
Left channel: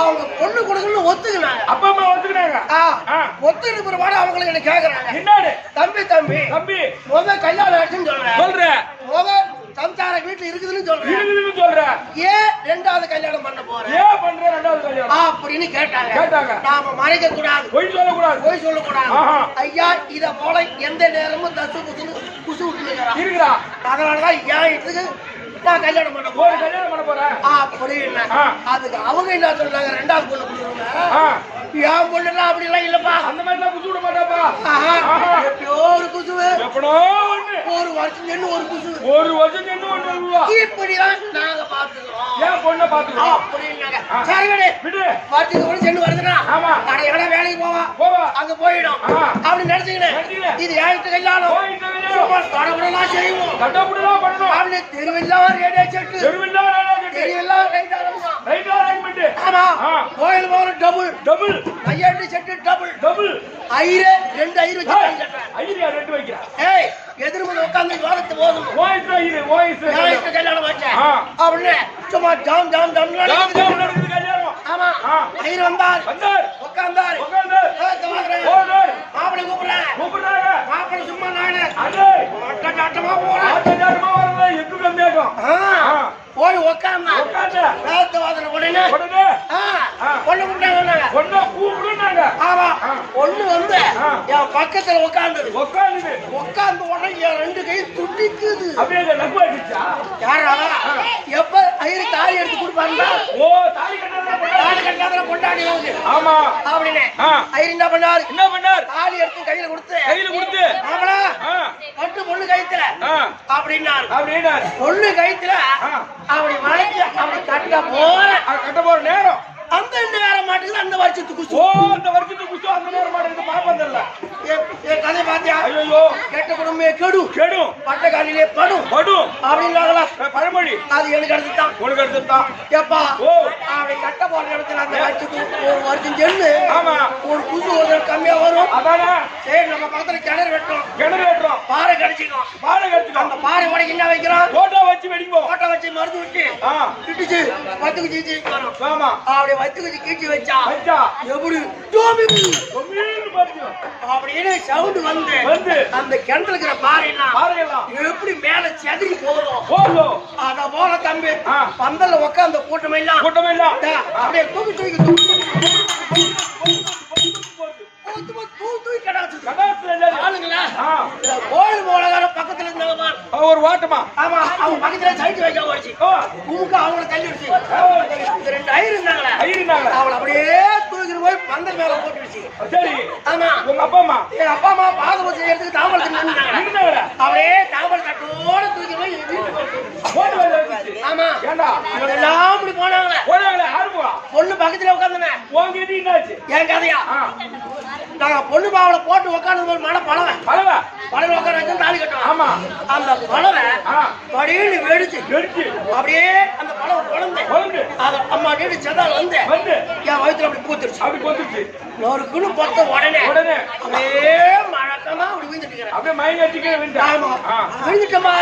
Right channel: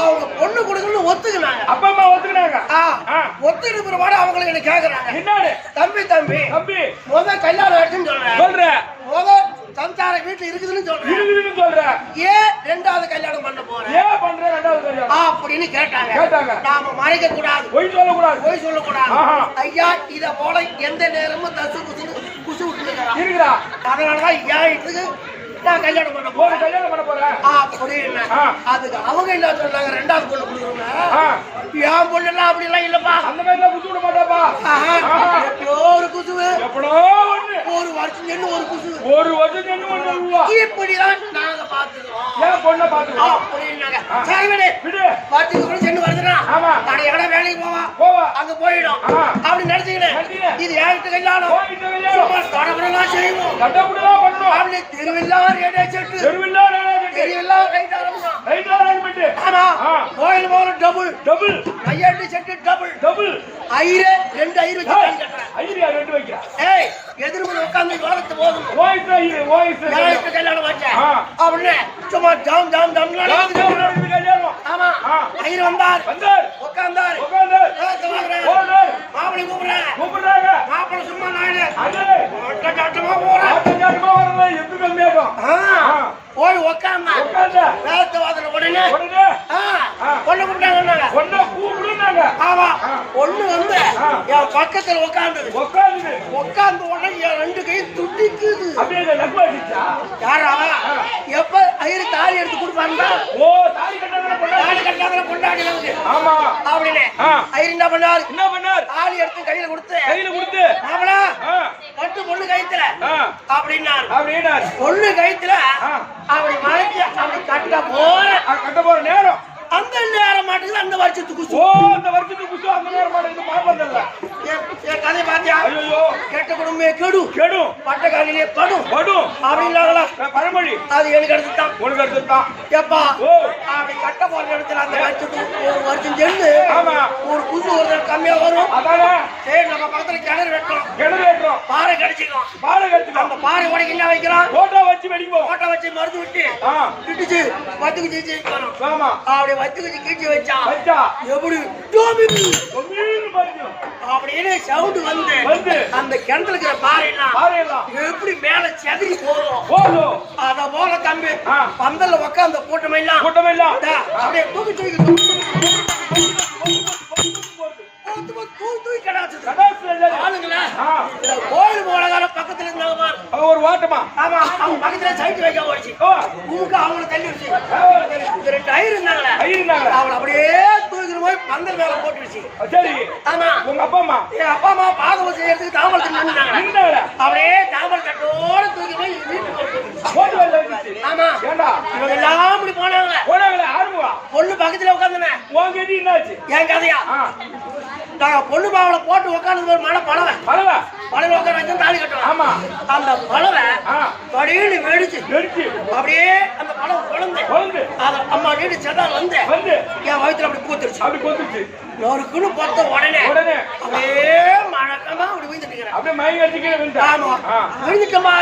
அவங்க பொண்ணு கொடுக்கணும்னு ஒத்துக்கினாங்க. அப்பா அம்மா ஒத்துக்கினாங்க. ஒத்துக்கிட்டு பிறகு அவங்களுக்கு என்ன கேக்குறாங்க, என்னடு தம்பி முத கல்யாணம் ஆச்சுன்னு சொல்றேன், முத சம்சார வீட்டுல இருக்குதுன்னு சொல்றேன், ஏன் 2வது கல்யாணம் பண்ண போறேன் அப்படின்னு கேட்டாங்க. நாம மறைக்க கூடாது, பொய் சொல்லக்கூடாது. ஐயா இத போல எந்த நேரமும் தசு குசு விட்டுருக்கிறான். அதனாலதான் ஏன் இதுக்கு நான் கல்யாணம் பண்ண போறேன் அப்படின்னு. அதுக்கு அவங்க என்ன சொன்னாங்க, 2வது பொண்ணு கொடுக்குறோங்க. என் பொண்ணு எல்லாம் அப்படி எல்லாம் இல்லப்பா, அந்த மாதிரி குசு விட மாட்டாப்பா. எப்பயோ ஒரு குசுவு, ஒரு வருஷம் நின்று ஒரு குசு, இப்படிதான் நாங்க பாத்துக்கிறோம் அப்படின்னாங்க. சரி விடு, வருஷத்துக்கு கூட சென்று வருதுன்னா கடை எங்கடா வேலைக்கு போவா, அங்க போயிடும் அப்படி நினைச்சுக்கிட்டு இது ஏகிட்ட கல்யாணம் சும்மா தடபுடலாம் செய்வோம் அப்படி தெருவெல்லாம் ரேடியோ செட்டு, தெருவெல்லாம் ரைட் ஆரம்பிச்சோம். ஆமா, கோயில் போகிற டபுள் கையாட்டு செட்டு டபுள் ஐயரு 2 ஐயரு வச்சு ஏய் எதிர்மனை உட்காந்து வாரத்து போதும் கல்யாணம் வச்சேன் அப்படின்னு சும்மா ஜாம் ஆமா. ஐயர் வந்தார், உட்கார்ந்தார், மாப்பிள்ளை கூப்பிடுறாங்க. மாப்பிள்ளை சும்மா நானு ஆட்டமா போறேன். போய் உட்கார்ந்தா வேத்த வாதன உடனே பொண்ணு கூப்பிட்டாங்க. ஆமா, பொண்ணு வந்து என் பக்கத்துல உட்கார்ந்து உடனே என் 2 கை துடிக்குது. யாரா எப்ப ஐயரு தாலி எடுத்து கொடுப்பாருந்தா தாலி கட்டாத கொண்டாடி அப்படின்னு ஐயர் என்ன பண்ணாரு, தாலி எடுத்து கையில கொடுத்து மாப்பிள பட்டு பொண்ணு கயித்துல அப்படின்னாரு. பொண்ணு கயித்துல அப்படி வளைச்சு அப்படி கட்ட போற நேரம் அந்த நேரம் மாட்டுக்கு அந்த வருஷத்துக்கு குசு அந்த நேரம் மாட்டுக்கு பாப்பதில்ல. கதை பாத்தியா, கெட்ட குடும்பமே கெடும் பட்ட காலிலே படும் அப்படின்னாங்களா பழமொழி. அது எனக்கு எடுத்துட்டான். எப்பா அப்படி கட்ட போற இடத்துல அந்த வருஷத்துக்கு ஒரு வருஷம் சென்று ஒரு குசு ஒரு கம்மியா வரும். சரி நம்ம பக்கத்துல கிணறு வெட்டுறோம், பாறை கடிச்சிக்கும். அந்த பாறை உடைக்கு என்ன வைக்கிறோம், ஓட்ட வச்சு மருந்து விட்டு கிட்டுச்சு 10 குச்சி வரும். அப்படி 10 குச்சி கீழ்ச்சி வச்சா எப்படி அப்படின்னு சவுண்ட் வந்து அந்த கிணத்துல இருக்கிற பாறையெல்லாம் எப்படி மேல செதறி போதும். அத போல தம்பி பந்தல்ல உட்கார்ந்த கூட்டமெல்லாம் அப்படியே தூக்கி கோயில் போலகார பக்கத்துல இருந்தாங்க ஒரு ஓட்டமா. ஆமா, அவங்க பக்கத்துல சைட்டு வைக்க போச்சு. அவங்களை தள்ளி வச்சு 2 ஐயர் இருந்தாங்களே, அவங்களை அப்படியே தூக்கிட்டு போய் பந்தல் மேல போட்டுருச்சு. சரி. ஆமா. உங்க அப்பா அம்மா என் அப்பா அம்மா பாதம் செய்யறதுக்கு தாமரத்தை நின்னுட்டாங்க. அப்படியே தாமரை தட்டோட தூக்கி போய் போட்டு வெளில வந்துச்சு. ஆமா. ஏண்டா இவங்க எல்லாம் இப்படி போனாங்களே. ஆர்வா பொண்ணு பக்கத்துல உட்காந்துனே. உங்ககிட்ட என்னாச்சு? என் கதையா? நாங்க பொண்ணு பாவல போட்டு உட்காந்து மழை பழவை பழவை உட்கார வச்சு தாலி கட்டுவோம். ஆமா. அந்த பழவை படியில வெடிச்சு அப்படியே அந்த பழவை குழந்தை அத அம்மா நீடு செதால் வந்து என் வயிற்றுல அப்படி பூத்துருச்சு. நொறுக்குன்னு பொறுத்த உடனே அப்படியே மழக்கமா அப்படி விழுந்துட்டு ஆமா விழுந்துட்டமா.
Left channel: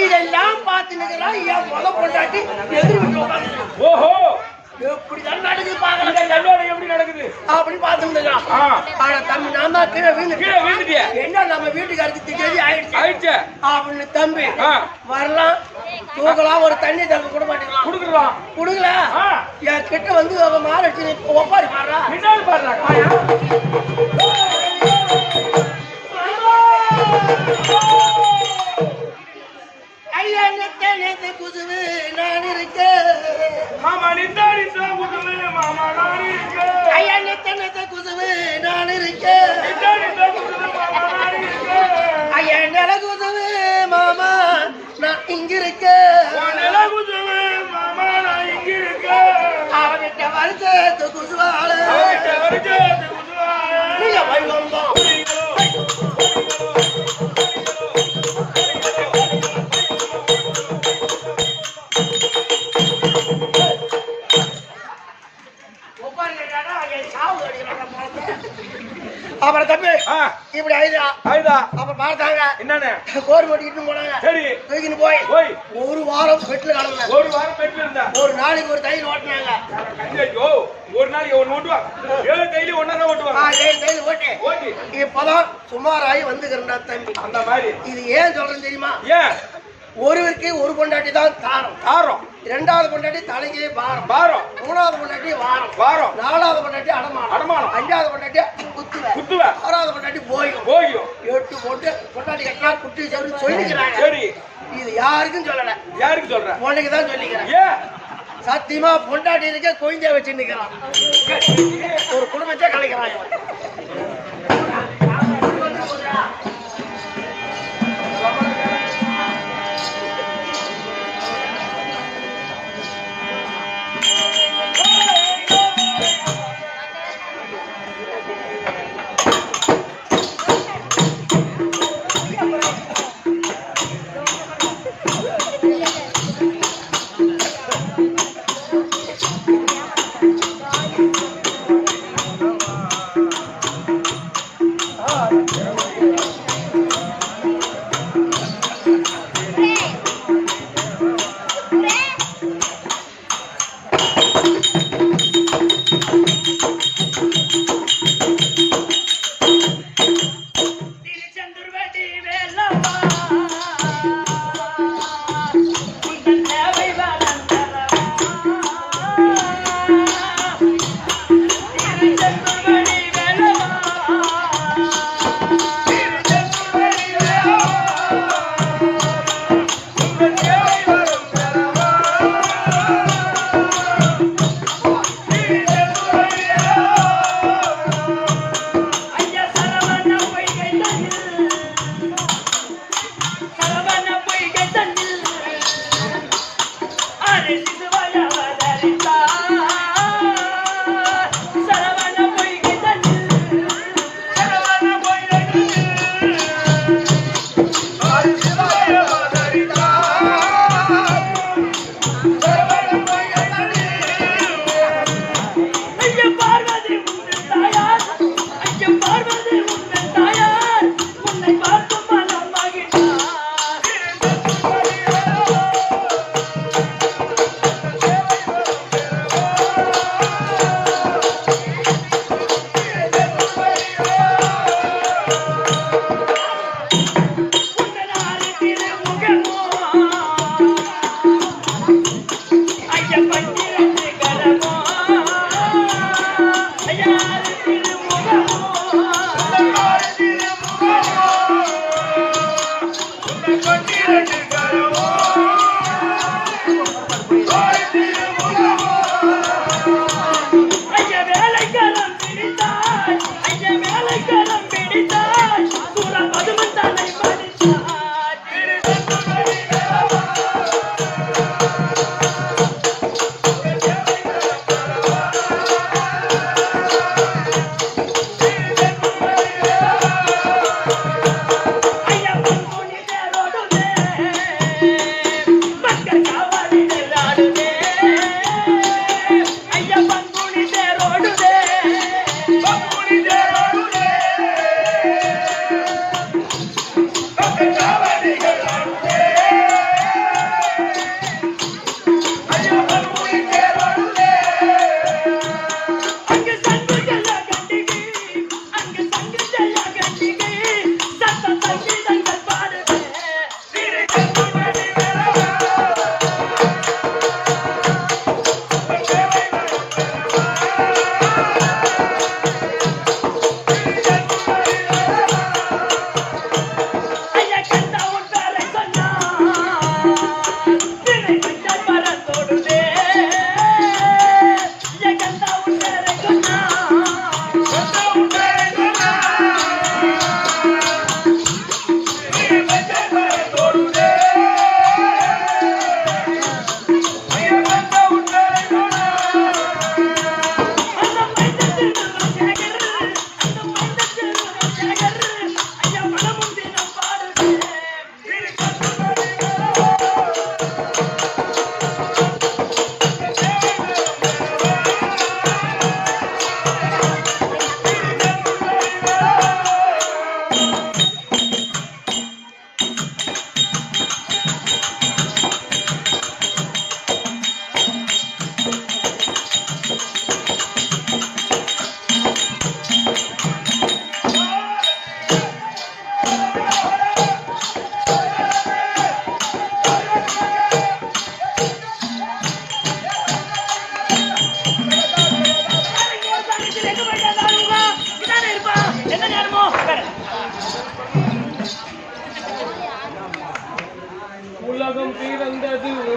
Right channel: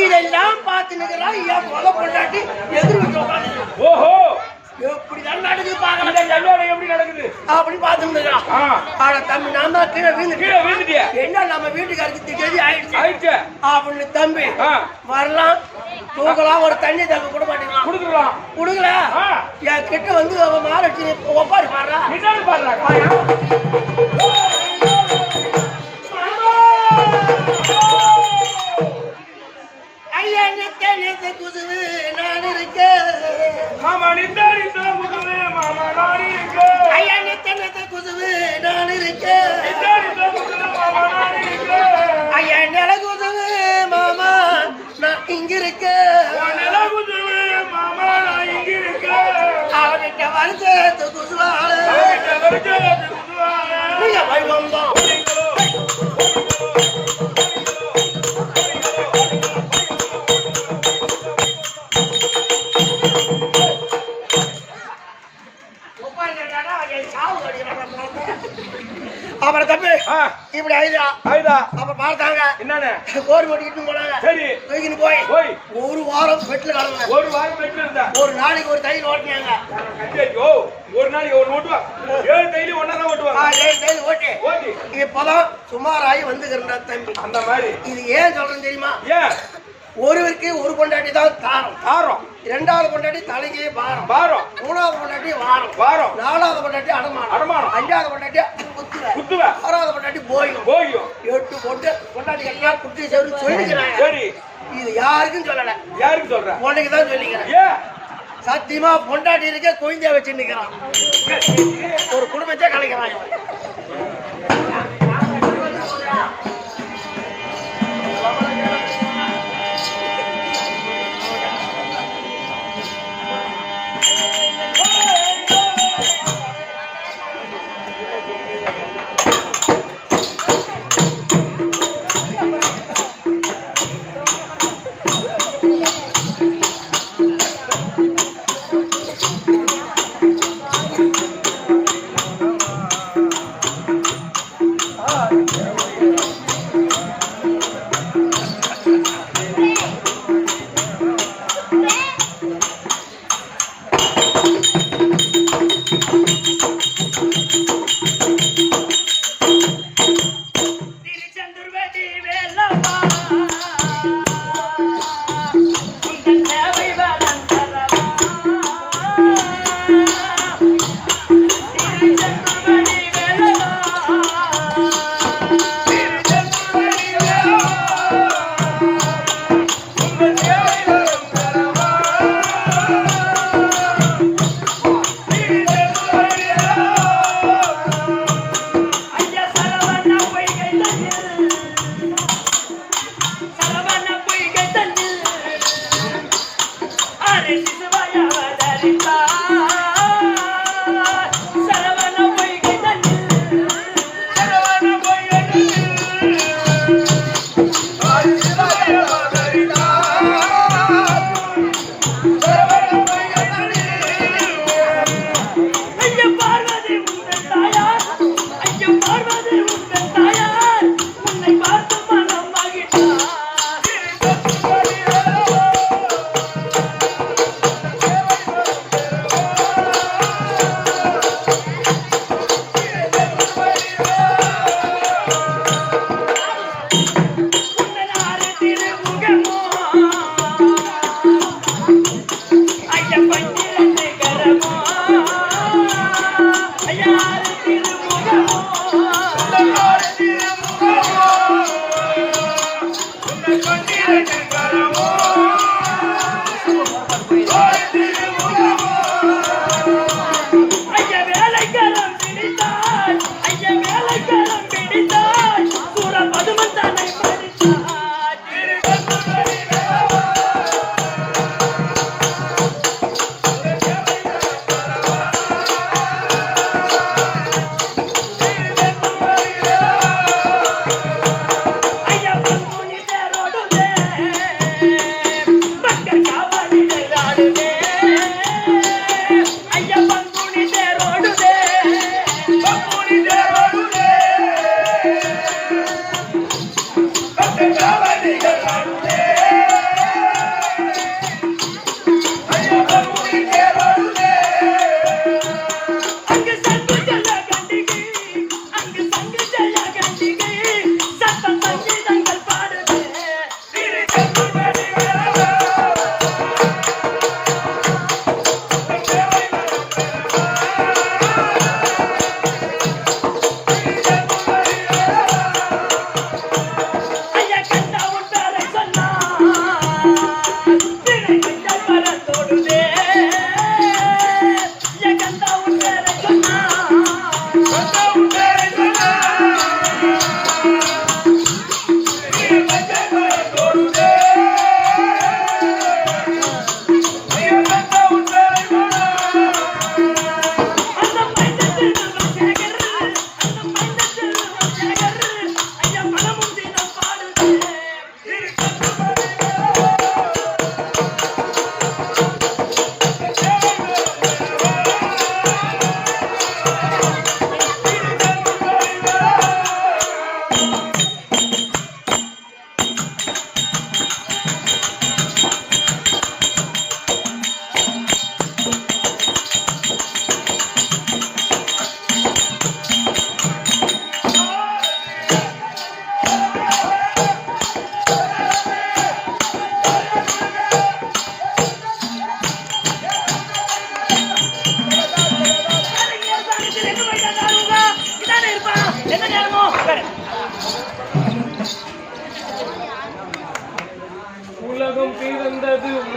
இதெல்லாம் பார்த்து நிக்கிறா என் முத பொண்டாட்டி எதிர் வீட்டு உட்காந்து. ஓஹோ எப்படிதான் நடக்குது பாக்கல. எப்படி நடக்குது அப்படின்னு பார்த்து தம்பி நான் தான் கீழே விழுந்துட்டியா? என்ன நம்ம வீட்டுக்காருக்கு திடீர்னு ஆயிடுச்சு அப்படின்னு தம்பி வரலாம் தூக்கலாம் ஒரு தண்ணி தங்க கூட மாட்டேங்கலாம் கொடுக்கல. என் கிட்ட வந்து அவன் மாறச்சு ஒப்பாரி பாடுறா. ஐயா நேத்து குசுவு நான் இருக்கேன். மாமா நித்தா குசுவு மாமா நான் இருக்கேன். ஐயா நேத்து குசுவு நான் இருக்கேன். மாமா நான் இருக்கேன். ஐயா நில குசுவு மாமா நான் இங்க இருக்கேன். நில குசுவு மாமா நான் இங்க இருக்கேன். அவகிட்ட வருஷத்து குசுவாள நீங்க வைவந்தோம். அப்புறம் தம்பி இப்படி ஆயுதா அப்புறம் பார்த்தாங்க என்னன்னு கோரி ஓட்டிக்கிட்டு போனாங்க. சரி தூக்கின்னு போய் ஒரு வாரம் பெட்ல கிடந்தாங்க. ஒரு நாளைக்கு ஒரு தையல் ஓட்டினாங்க. ஒரு நாளைக்கு ஒரு ஓட்டுவாங்க. 7 தையல் ஒன்னாதான் ஓட்டுவாங்க. 7 தையல் ஓட்டி இப்பதான் சுமாராகி வந்துக்கிறா தம்பி. அந்த மாதிரி இது ஏன் சொல்றேன்னு தெரியுமா? ஏன் ஒருவருக்கு ஒரு பொண்டாட்டி தான் தாரம். இரண்டாவது பொண்டாட்டி தலைக்கு பாரம். மூணாவது பொண்டாட்டி வாரம். நாலாவது பொண்டாட்டி அடமானம். அஞ்சாவது பொண்டாட்டி குத்துவ. ஆறாவது பொண்டாட்டி போயும். 8 பொண்டாட்டி கட்டினா குட்டி செவரு சொல்லிக்கிறாங்க. இது யாருக்கும் சொல்லல. யாருக்கு சொல்ற? உனக்கு தான் சொல்லிக்கிறேன். சத்தியமா பொண்டாட்டி இருக்க கொய்ஞ்சா வச்சு நிக்கிறான். ஒரு குடும்பத்தை கலைக்கிறான்.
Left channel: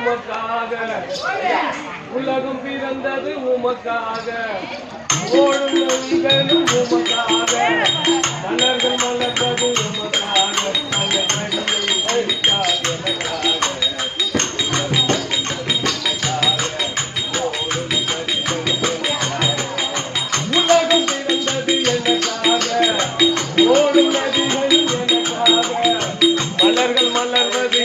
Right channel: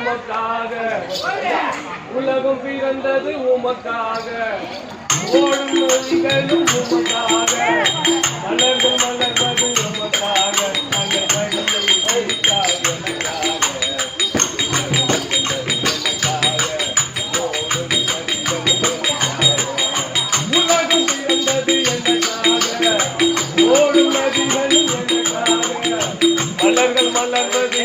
உமக்காக உலகம் பிறந்தது உமக்காக ஓடும் நதிகளும் உமக்காக மலர்கள் மலர்வது உமக்காக அந்த வழியை எனக்காக உலகம் பிறந்தது எனக்காக ஓடும் நதிகளும் எனக்காக மலர்கள் மலர்வது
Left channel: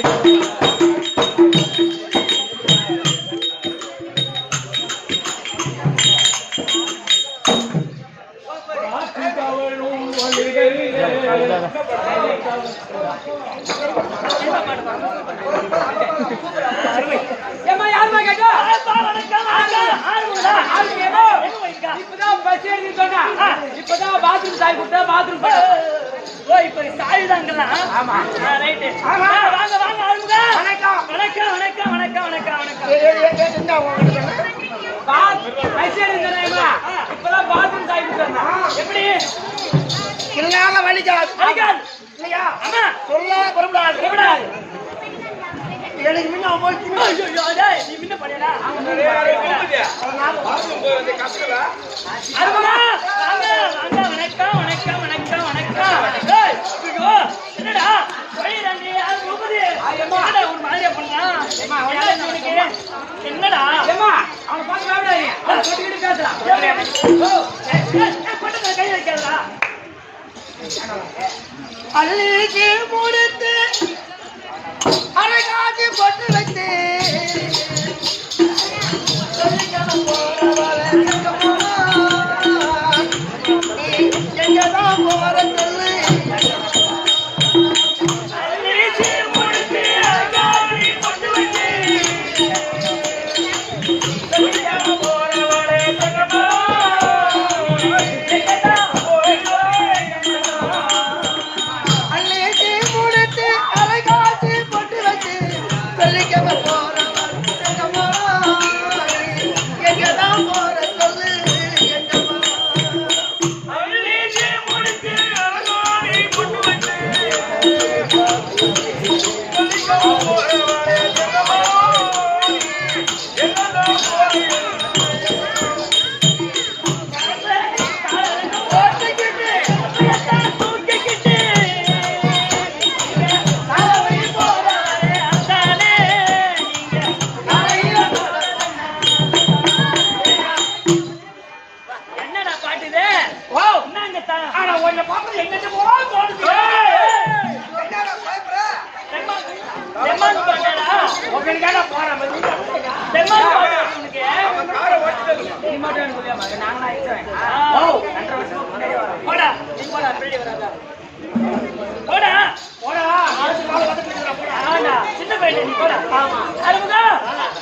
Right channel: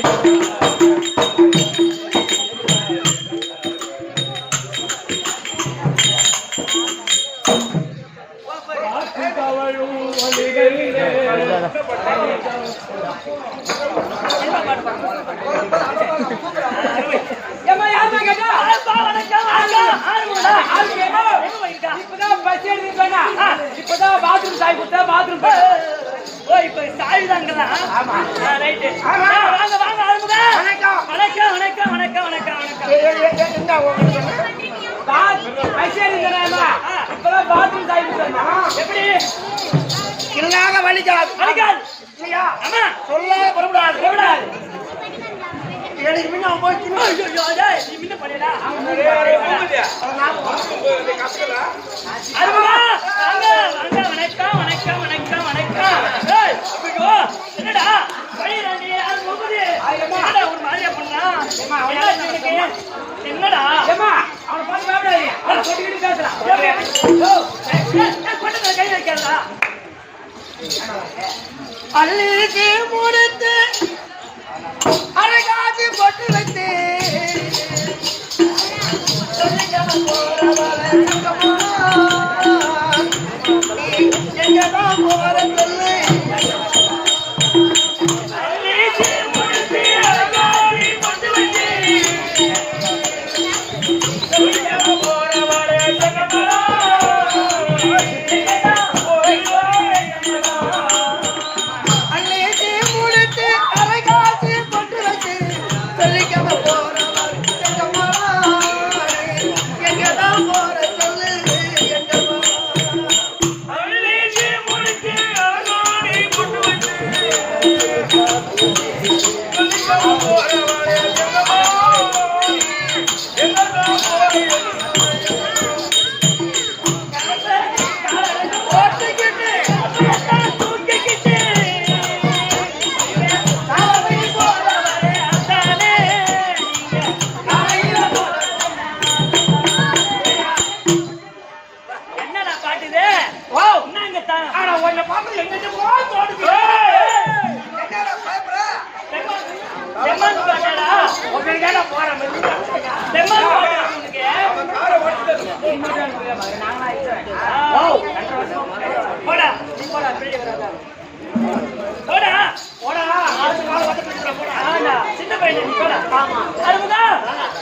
இப்பதான் பாத்ரூம் சாய் கொடுத்தா பாத்ரூம் ஓ இப்ப சாய் தாங்களா ஆமா ரைட்டு வாங்க வாங்க ஆரம்புங்க வணக்கம் வணக்கம் வணக்கம் வணக்கம் வணக்கம் வணக்கம் என்ன உங்களுக்கு சொன்ன இப்பதான் பாத்ரூம் சாய் கொடுத்தா எப்படி இல்லையாக வலிக்காது வலிக்காது இல்லையா ஆமா சொல்ல புறப்படாது புறப்படாது எனக்கு முன்ன போச்சு நீ முன்ன பண்ணிடா வணக்கம் வணக்கம் வணக்கம் வணக்கம் என்னடா வழிடாண்டி யாரு போகுது என்னடா ஒரு மாதிரியா பண்ணா என்னடா அவனை பார்த்து பேசுறான் கை வைக்கிறதா அள்ளிக்கு முடித்து அரைகாட்சி போட்டு வைத்து எங்கதான் போற சொல்லு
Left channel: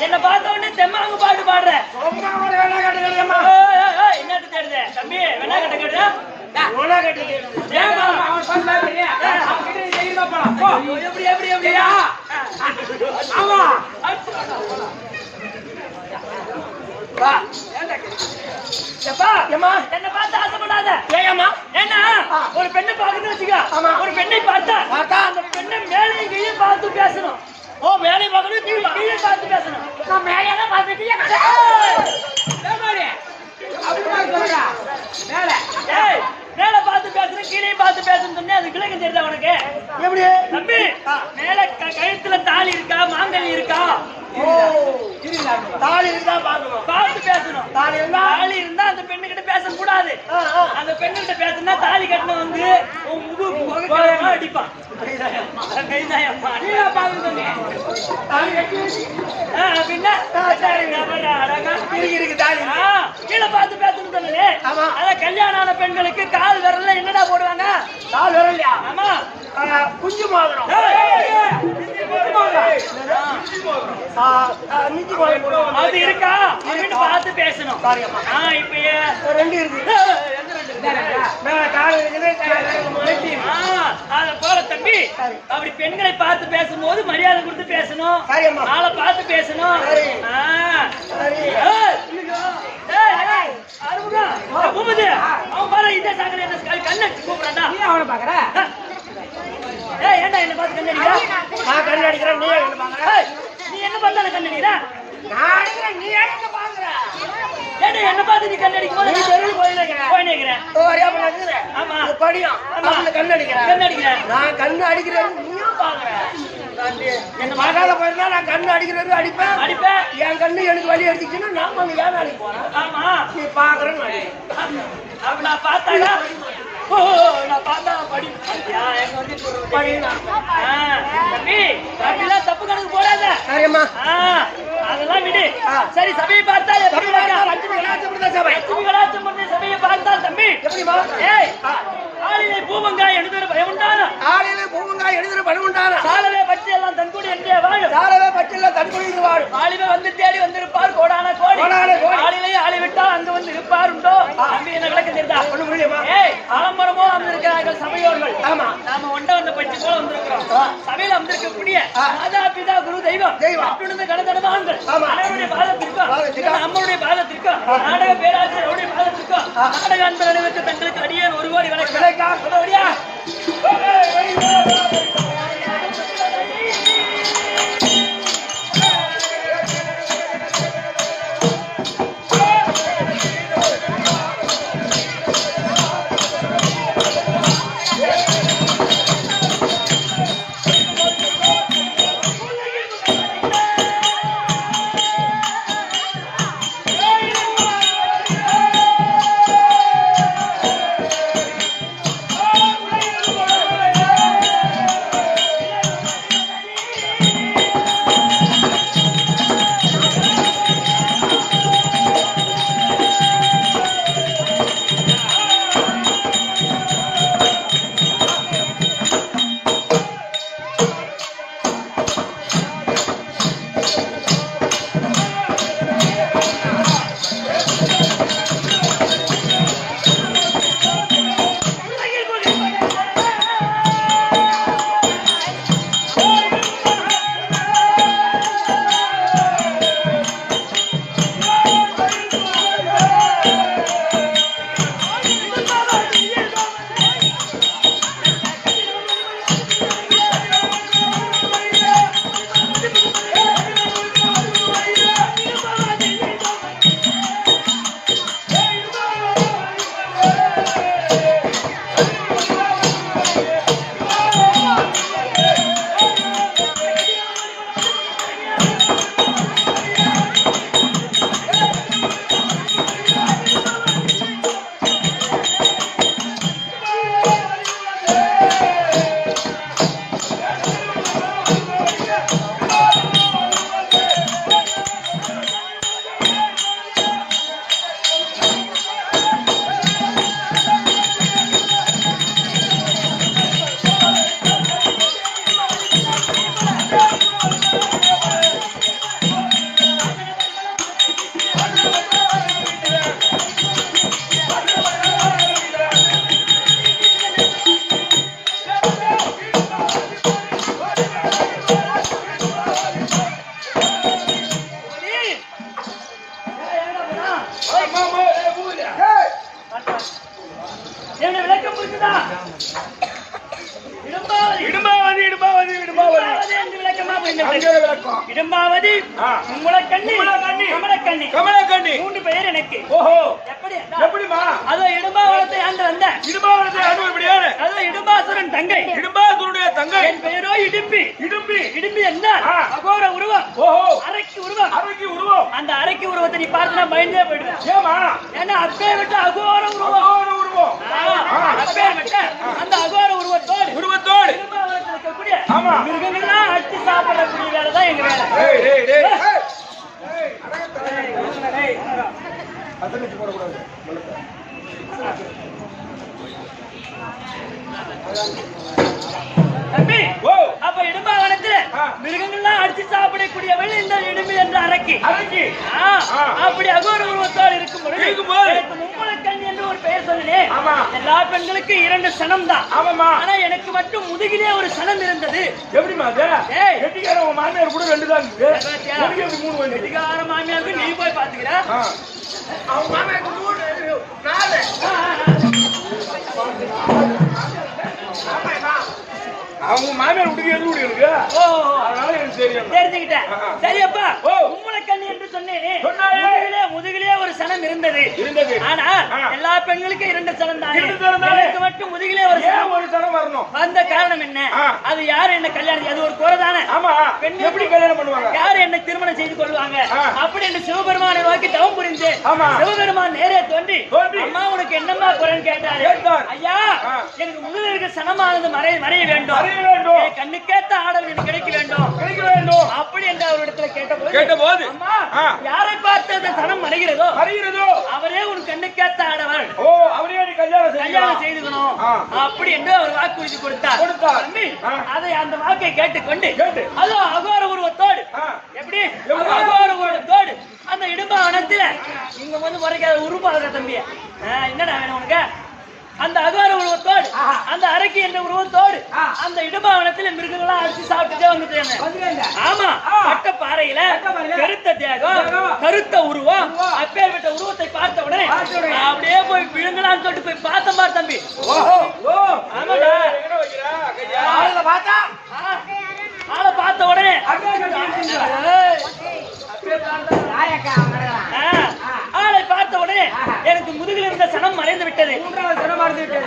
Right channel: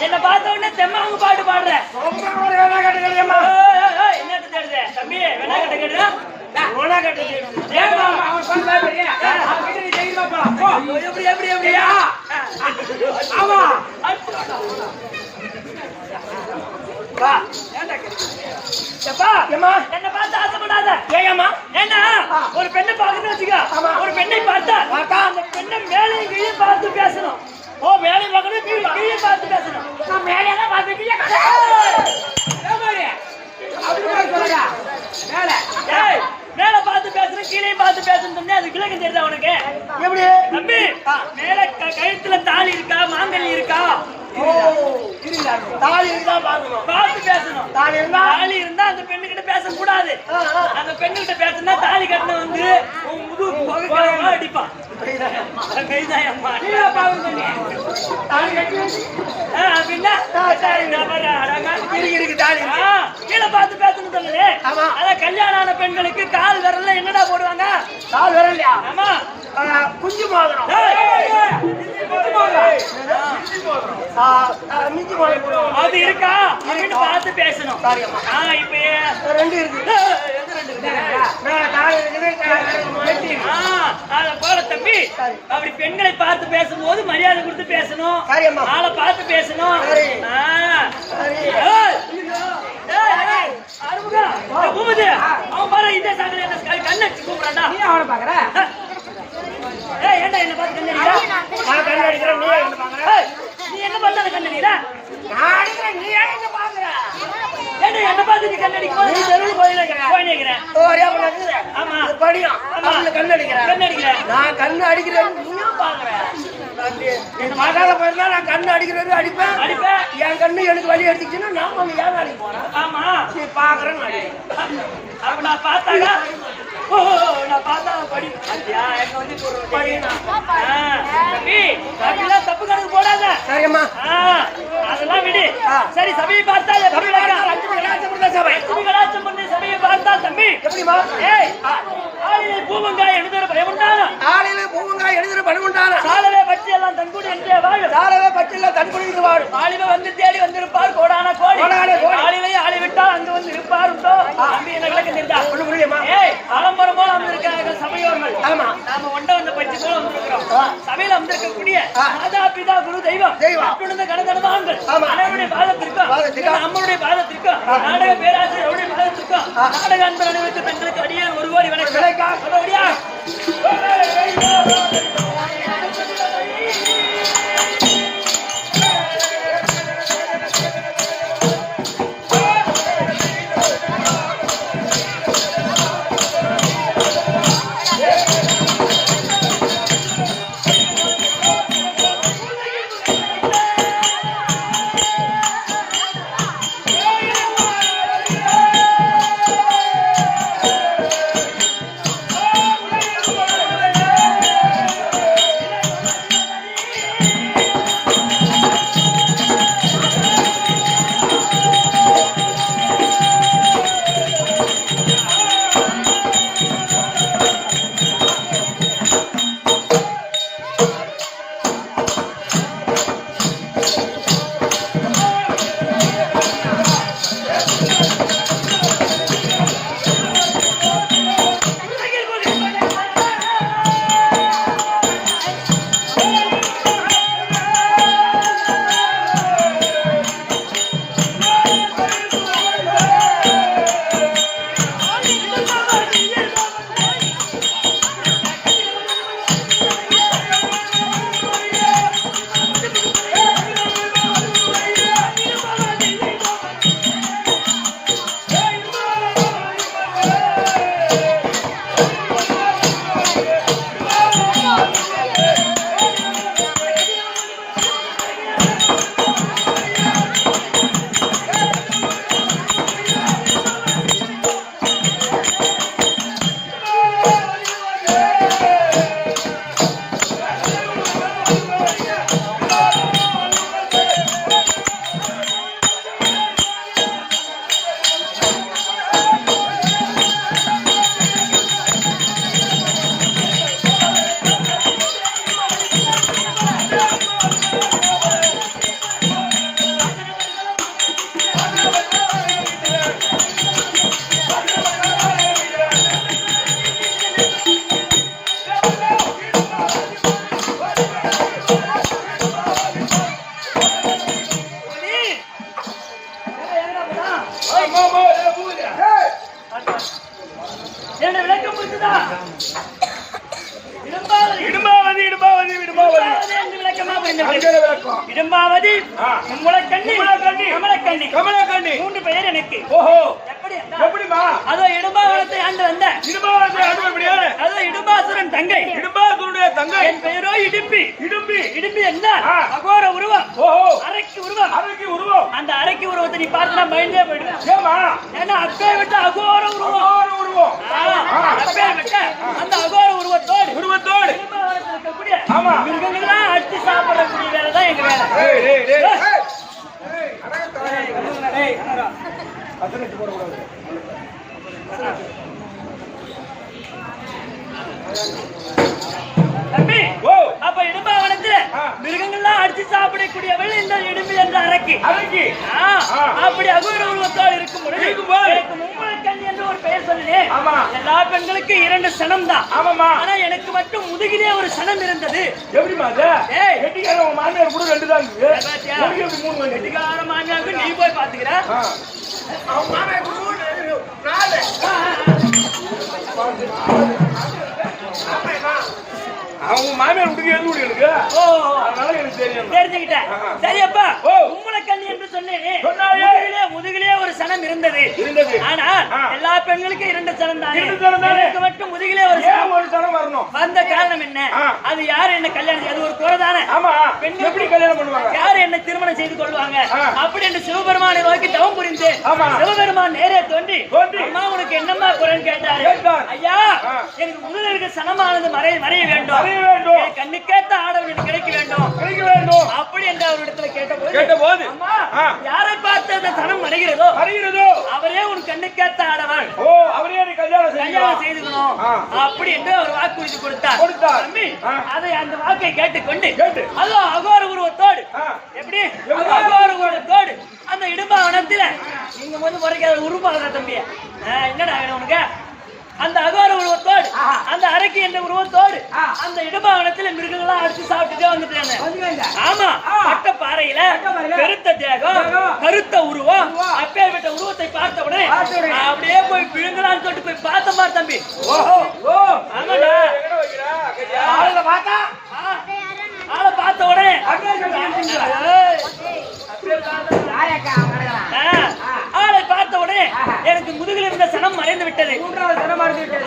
என்ன பார்த்த உடனே தெம்மாங்க பாட்டு பாடுற என்ன தேடுது தம்பி வேணா கட்ட கேடுறா எப்படி எப்படி எப்படியா ஆமா என்ன பார்த்து ஆசைப்படாத ஏமா ஏன்னா ஒரு பெண்ணை பாக்கணும்னு வச்சுக்க ஒரு பெண்ணை பார்த்தா அந்த பெண்ணை மேலையும் கீழே பார்த்து பேசணும் ஓ மேலே பார்க்கணும் கீழே பார்த்து பேசணும் நான் மேலே தான் பார்த்து மேல பார்த்து பேசணும் கீழே பார்த்து பேசணும் அது விளக்கம் தெரியுதா உனக்கு எப்படி தம்பி மேல கழுத்துல தாலி இருக்கா மாங்கல்யம் இருக்கா தாலி இருந்தா பாக்கணும் பார்த்து பேசணும் தாலி இருந்தா அந்த பெண்ணு கிட்ட பேசக்கூடாது அந்த பெண்ணு கிட்ட பேசினா தாலி கட்டின வந்து உன் முதுகு அடிப்பான் கீழே பார்த்து பேசணும் சொல்லு அதான் கல்யாணம் ஆன பெண்களுக்கு கால் விரல்ல என்னடா போடுவாங்க கால் விரல்லையா ஆமா குஞ்சு மோதிரம் அது இருக்கா அப்படின்னு பார்த்து பேசணும் இப்ப ரெண்டு இருக்கு போல தம்பி அப்படி பெண்களை பார்த்து பேசும்போது மரியாதை கொடுத்து பேசணும் ஆளை பார்த்து பேசணும் அவன் பாரு இதே சாங்கல என்ன கண்ணடிச்சு கூப்பிடாண்டா அவனை பாக்குற ஏன்டா என்ன பார்த்து கண்ணடிக்கிறா நான் கண்ணடிக்கிறேன் நீ என்ன பாக்குற நீ என்ன பண்ணாத கண்ணடிக்கிற? நான் அடிக்கிறேன், நீ ஏன் என்ன பாக்குற? ஏன்னா என்ன பார்த்து நீ கண்ணடிக்கும் போது நீ நான் தெருவில் போய் நிக்கிறேன். போய் நிக்கிறேன். ஒரே பண்ண நிக்கிறேன். ஆமா. இது படியும். அவனுக்கு கண்ணு அடிக்கிறேன். கண்ணடிக்கிறேன். நான் கண்ணு அடிக்கிறேன், நீயும் பாக்குற. என்ன பார்க்காத போயிருந்தா நான் கண்ணு அடிக்கிறது அடிப்பேன். அடிப்பேன். என் கண்ணு எனக்கு வலி எடுத்துச்சுன்னா நான் வந்து ஏன் அடிக்க போறேன்? ஆமா. நீ பாக்குறேன்னு அடிக்கிறேன். அப்ப நான் பார்த்தாடா. ஓ நான் பார்த்தா படி. ஐயா எங்க வந்து படி தம்பி அப்படிலாம் தப்பு கணக்கு போடாத. சரியம்மா. அதெல்லாம் விடு. சரி சபையை பார்த்தா எப்படி லட்சுமி கலாச்சம் பண்ணி சபையை பார்த்தால் தம்பி எப்படிமா? ஏய் ஆளிலே பூவங்காய் எழுதுற பயம் உண்டானா? ஆளில பூவங்காய் எழுதுற பணம் உண்டானா? சாலவே பற்றி எல்லாம் தன்கூடி என்றே வாழும். சாலவே பற்றில தன்குடியில் வாழும். ஆளிவே வந்து தேடி வந்திருப்பார் கோடான கோடி. கோடான கோடி. ஆளிலே ஆளி விட்டால் அங்கு வந்து இருப்பார் உண்டோ? தம்பி என்ன விளக்கம் தெரியுதா? ஒண்ணு முடியுமா? ஏய் ஆலம்பரம் போல வந்திருக்கிறார்கள் சபையோர்கள். ஆமா. நாம ஒண்ட வந்த பட்சி போல வந்திருக்கிறோம். சபையில வந்திருக்கக்கூடிய மாதா பிதா குரு தெய்வம் அட்டுணர்ந்த கணதனவான்கள் அனைவருடைய பாதத்திற்கும் அம்மனுடைய பாதத்திற்கும் நாடக பேராசிரியர் அவருடைய பாதத்திற்கும் நாடக அன்பர் அனைவருக்கு பெண்களுக்கு அடியேன் ஒரு கோடி வணக்கம். சொல்லுவடியா? என்ன விளக்கம் புரிஞ்சுதா? இடும்பாவதி என்று விளக்கமா புரிந்தது. இடும்பாவதி, மும்மலக்கண்ணி, கமலக்கண்ணி, மூன்று பெயர் எனக்கு. எப்படிமா? அதோ இடும்பாவனத்தை ஆண்டு வந்த அதோ இடும்பாசுரன் தங்கை. என் பெயரோ இடும்பி. இடும்பி என்றால் அகோர உருவம், அரைக்கு உருவம். அந்த அரைக்கு உருவத்தை நீ பார்த்து பயந்தே போயிடுவேன். ஏன்னா அப்பே விட்ட அகோர உருவம், அப்பேர் விட்ட அந்த அகோர உருவத்தோடு இடும்பாவனத்தில் இருக்கக்கூடிய மிருகங்கள்லாம் அடிச்சு சாப்பிடக்கூடிய வேலை தான் எங்க வேலை. தம்பி, அப்ப இடும்பாவனத்துல மிருகங்கள்லாம் அடிச்சு சாப்பிடக்கூடியவள் இந்த இடும்பி என்ற அரக்கி. அப்படி அகோர உருவத்தோடு இருக்கும் பொழுது எனக்கு மும்மலக்கண்ணி என்று ஒரு பெயர் சொன்னேன். எல்லா பெண்களுக்கு 2 சனம் தான். ஆனா எனக்கு மட்டும் முதுகிலே ஒரு சனம் இருந்தது. மாமியார் கூட 2 தான். கெட்டிக்கார மாமியாருக்கு நீ போய் பாத்துக்கிற. அவன் மாமியாருக்கு 3, 4. அவங்க மாமியார் விட்டுக்கு எது விடு எனக்கு ஓ அதனால எனக்கு தெரியும் தெரிஞ்சுக்கிட்டேன் சரியப்பா ஓ. உம்மளக்கண்ணி என்று சொன்னேனே சொன்னாயே. முதுகிலே ஒரு சனம் இருந்தது இருந்தது. ஆனால் ஆ. எல்லா பெண்களுக்கும் 2 சனம் தானே இரண்டு சனம் தானே. எனக்கு மட்டும் முதுகிலே ஒரு சனம் ஏன் ஒரு தரம் வரணும் வந்த காரணம் என்ன ஆ. அது யாரு என்ன கல்யாணம் அது ஒரு குறை தானே ஆமா பெண்கள் எப்படி கல்யாணம் பண்ணுவாங்க யாரு என்ன திருமணம் செய்து கொள்வாங்க ஆ. அப்படி என்று சிவபெருமானை நோக்கி தவம் புரிந்து ஆமா. சிவபெருமான் நேரே தோன்றி தோன்றி. அம்மா உனக்கு என்னம்மா குறைன்னு கேட்டாரு கேட்டார். ஐயா ஆ. எனக்கு முதல்ல இருக்க சனமானது மறைய வேண்டும் மறைய வேண்டும். என் கண்ணுக்கேத்த ஆடவன் எனக்கு கிடைக்க வேண்டும் கிடைக்க வேண்டும் அப்படி என்று அவரிடத்துல கேட்டபோது கேட்டபோது. அம்மா ஆ. யாரை பார்த்து அந்த சனம் மறைகிறதோ அறிகிறதோ அவரே உன் கண்ணுக்கேத்த ஆடவன் ஓ அவரே எனக்கு கல்யாணம் கல்யாணம் செய்யலாம் செய்துக்கணும் ஆ. அப்படி என்று அவர் வாக்குறுதி கொடுத்தார் கொடுத்தார். தம்பி ஆ. அதை அந்த வாக்கை கேட்டுக்கொண்டு கேட்டு. அதோ அகோர உருவத்தோடு ஆ. எப்படி எப்படி? அகோர உருவத்தோடு அந்த இடும்பாவனத்துல நீங்க வந்து முறைக்காத உருவாகிற தம்பி என்னடா வேணும் உனக்கு அந்த அகோர உருவத்தோடு அந்த அரக்கி என்ற உருவத்தோடு அந்த இடும்பாவனத்துல மிருகங்களா அடிச்சு சாப்பிட்டுட்டே வந்துட்டேன் ஆமா பட்ட பாறையில பெருத்த தேகம் கருத்த உருவம் அப்பேற்பட்ட உருவத்தை பார்த்த உடனே அப்படியே போய் விழுங்கலான்னு சொல்லிட்டு போய் பார்த்தேன் பார் தம்பி ஆமாடா எங்க வைக்கிறா கையா ஆளை பார்த்த உடனே ஏய், ஆளை பார்த்த உடனே எனக்கு முதுகில் இருந்த சனம் மறைந்து விட்டது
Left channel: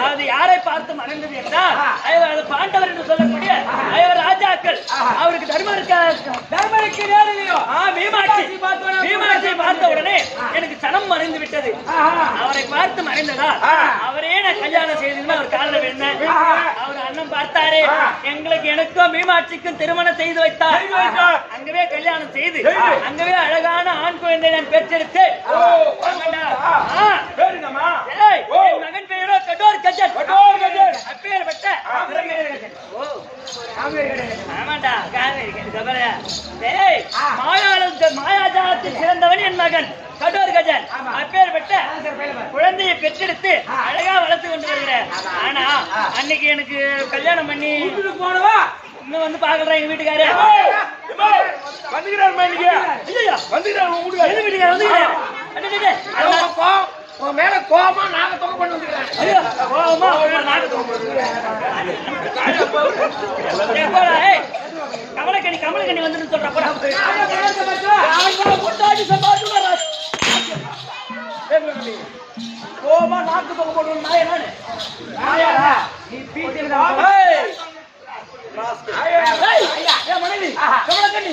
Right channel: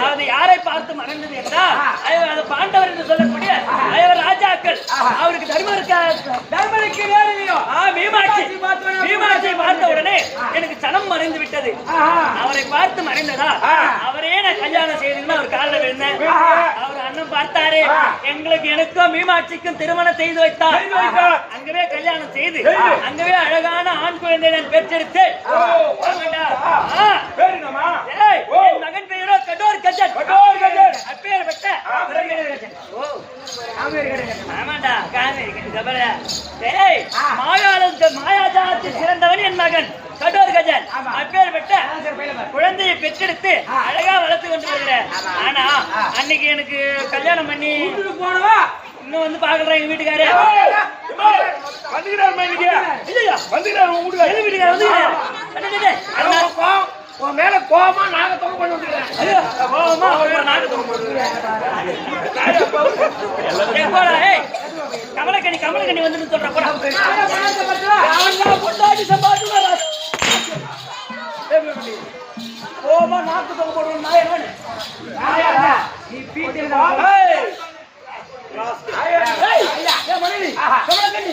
அது யாரை பார்த்து மறைந்தது என்றால் அது பாண்டவர் என்று சொல்லக்கூடிய அவர் ராஜாக்கள் அவருக்கு தர்மருக்கு மீமாட்சியை பார்த்த உடனே எனக்கு சனம் மறைந்து விட்டது அவரை பார்த்து மறைந்ததா அவரே நான் கல்யாணம் செய்ததுன்னு அவர் காரணம் என்ன அவர் அண்ணன் பார்த்தாரு எனக்கும் மீமாட்சிக்கும் திருமணம் செய்து வைத்தார் அங்கவே கல்யாணம் செய்து அங்கவே அழகான ஆண் குழந்தை நான் பெற்றெடுத்து என் மகன் பெயரோ கடோர் கஜன் அப்பேற்பட்ட ஆமாண்டா மாயாஜாலத்தில் சிறந்தவன் என் மகன் கடோர் கஜன் அப்பேற்பட்ட குழந்தையை பெற்றெடுத்து அழகா வளர்த்து கொண்டு வருகிறேன் ஆனா அன்னைக்கு எனக்கு கல்யாணம் பண்ணி போனவா இன்னும் வந்து பாக்குறேன் எங்க வீட்டுக்காரு வந்துக்கிறார் வந்துக்கிறார் உங்க வீட்டுக்காரு வந்து உன் மேல கோபமா நாகத்தமா கொண்டு வந்துக்கிறேன் ஐயோ கோபமா கமலக்கண்ணி வந்து சொல்ற போடா கோபமா நாக்கு தொங்க போடுவோம் நாய நீ பீட்டில் மனைவி கமலக்கண்ணி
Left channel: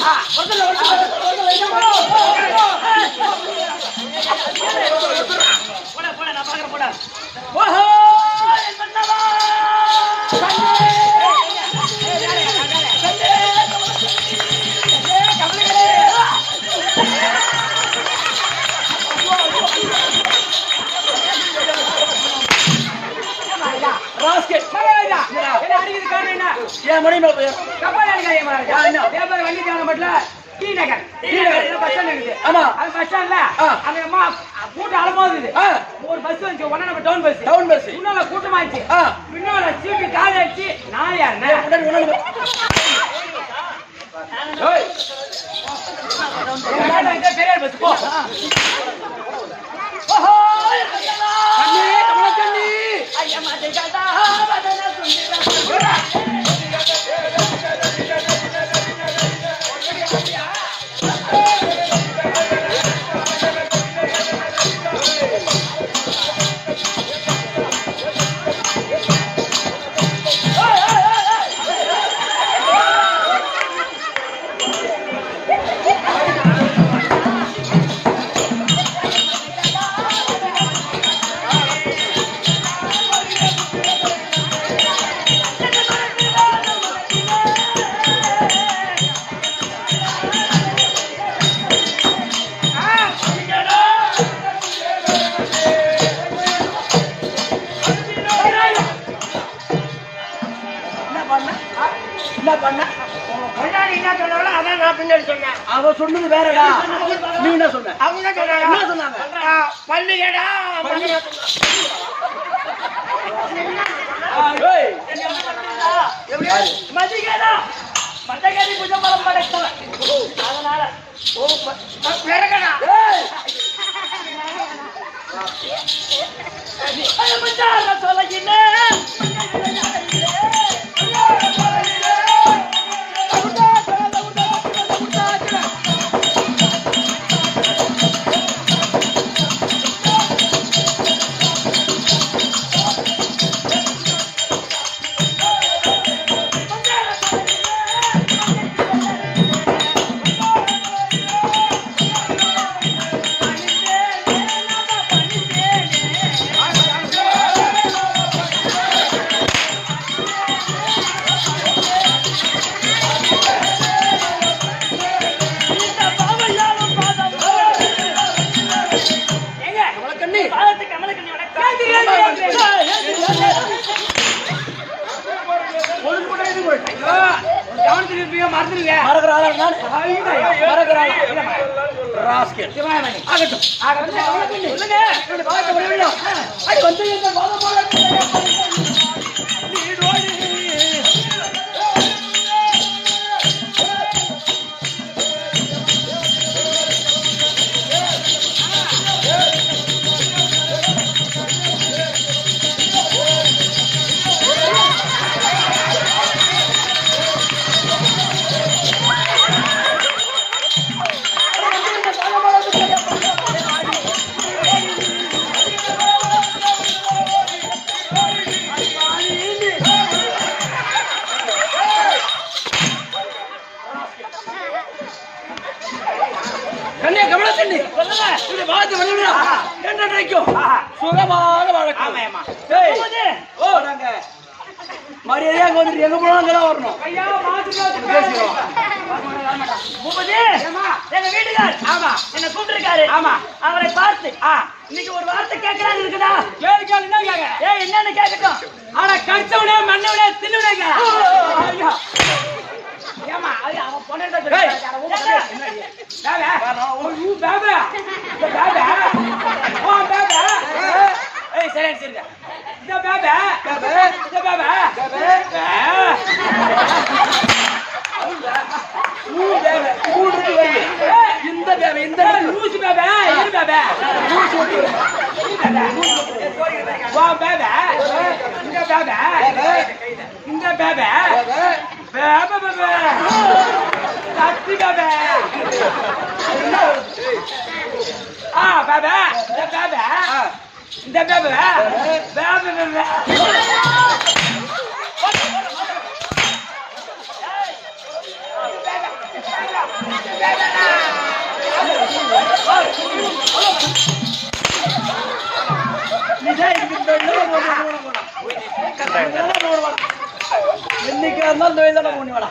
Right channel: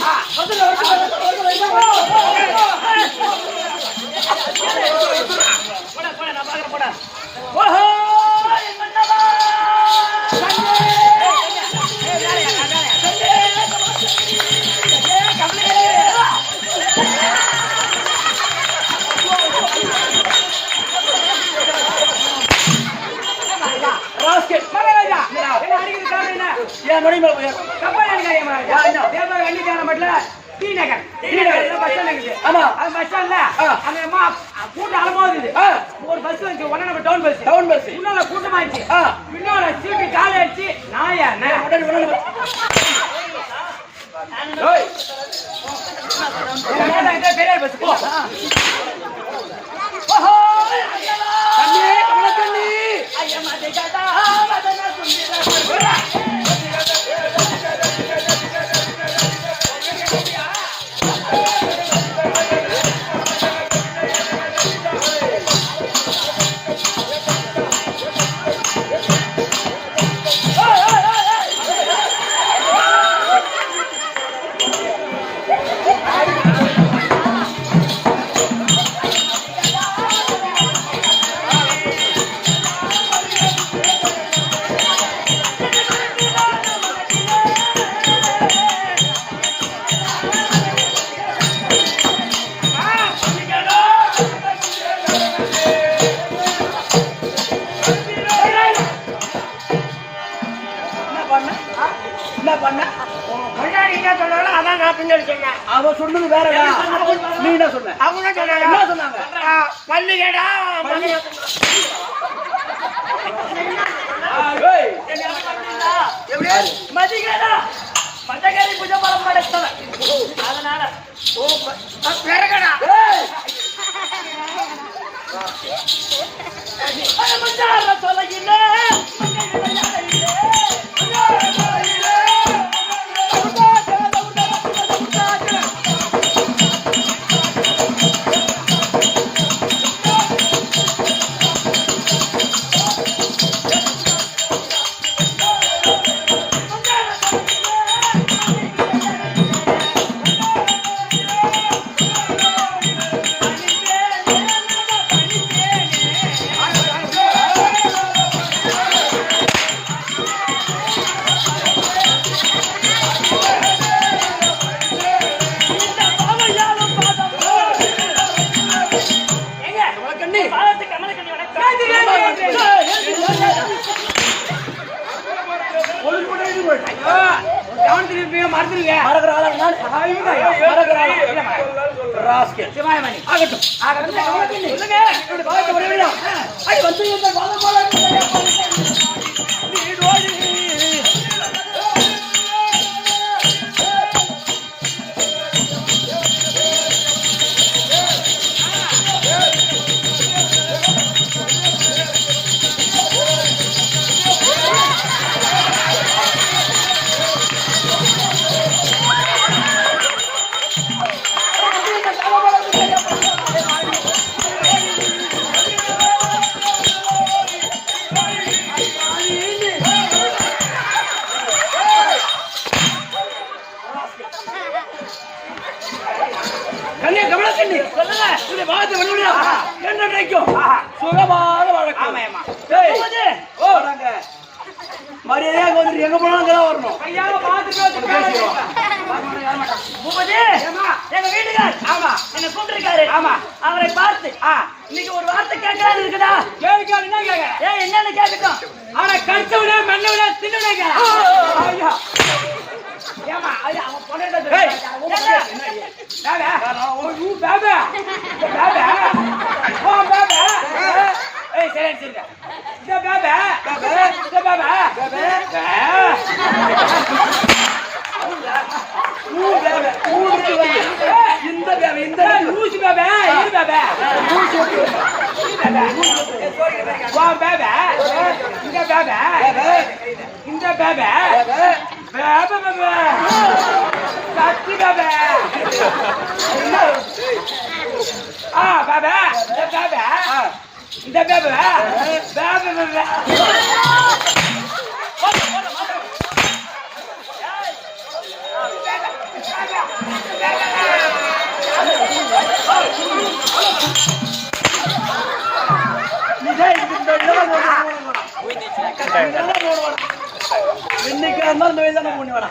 கூட்டம் அலமோது ஒரு பஸ் வந்து ஒன்னு நம்ம டவுன் பஸ் முன்னால கூட்டமாயிடுச்சு பின்னால சீட்டு காலி ஆயிடுச்சு நாயா பெரிய பஸ் போ கமலக்கண்ணி அவ சொன்னது வேறடா நீ என்ன சொன்ன அவங்க என்ன சொன்னாங்க பள்ளிகடா மதிகடா பட்டகரி புஜமலம் படைத்தவ அதனால ஓ வேறகடா சொல்ல கவனத்தில் இருப்பீங்க மறந்துடுங்க சுகமாக வழக்கம் மரியாதையாக வந்துட்டு எங்க போனாலும் அங்கதான் வரணும் பேசிக்கிறோம் எங்க வீட்டுக்கார் ஆமா என்ன கூப்பிட்டுருக்காரு ஆமா அவரை பார்த்து இன்னைக்கு ஒரு வார்த்தை கேட்கலாம் இருக்குதா என்னன்னு கேட்கட்டும் ஆனா கடிச்சவனே மண்ணவனே தின்னுடா இன்னைக்கு அந்த வேலை போனி வாடா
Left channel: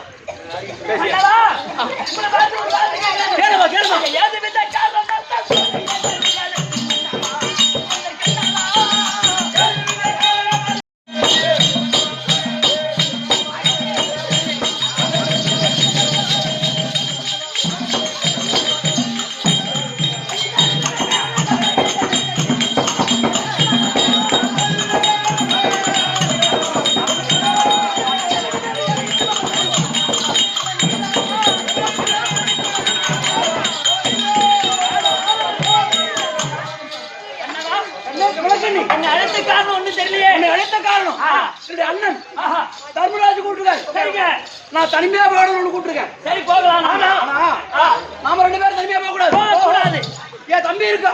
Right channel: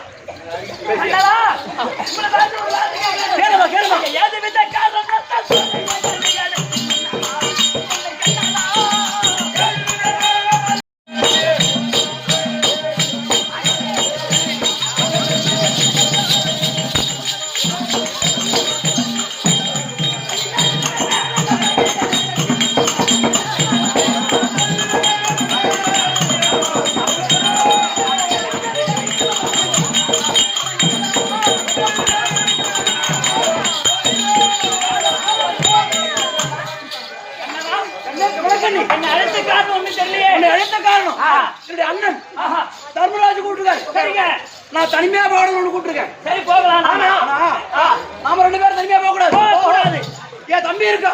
கேளுமா கேளுமா என்ன அழைத்த காரணம் ஒண்ணு தெரியலையே. உன்னை அழைத்த காரணம் என்னுடைய அண்ணன் தர்மராஜ் கூப்பிட்டுருக்காரு. சரிங்க, நான் தனிமையா போகணும்னு கூப்பிட்டுருக்கேன். சரி போகலாம். நாம 2 பேரும் தனிமையா போக கூடாது. என் தம்பி இருக்கா,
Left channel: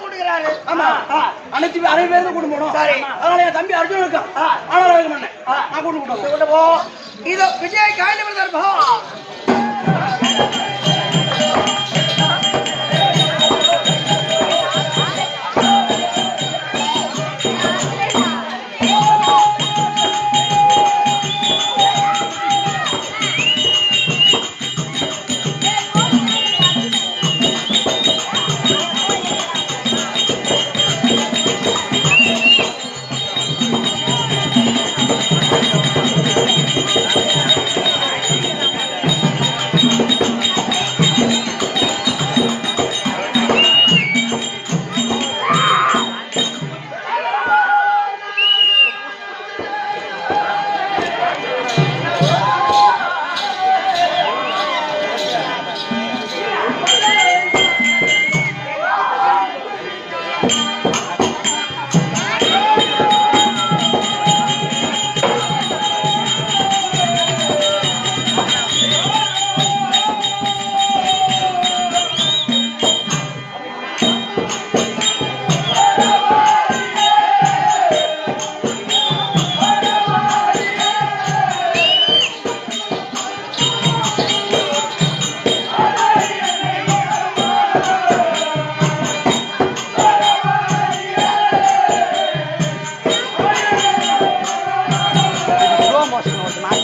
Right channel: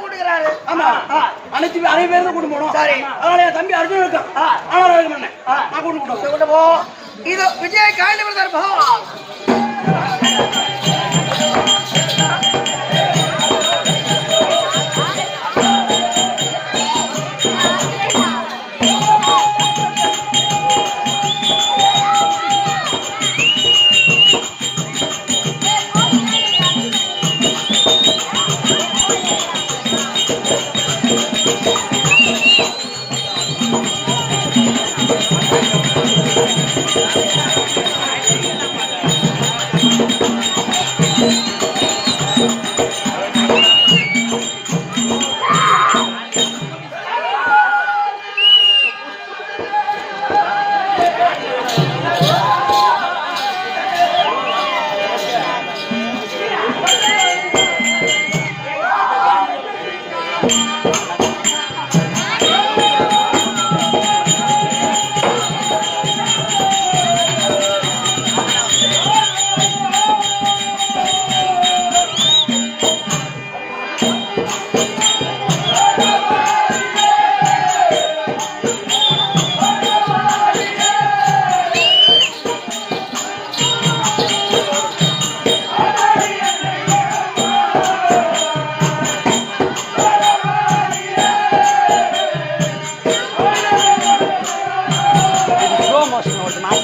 கூட்டுக்கிறாரு. ஆமா, அனைத்து பேரும் கூட்டு போகணும். சரி, அதனால என் தம்பி அர்ஜுன் இருக்கான். ஆனால் நான் கூட்டு போ. இதோ விஜய் காய்ந்து தர்பா.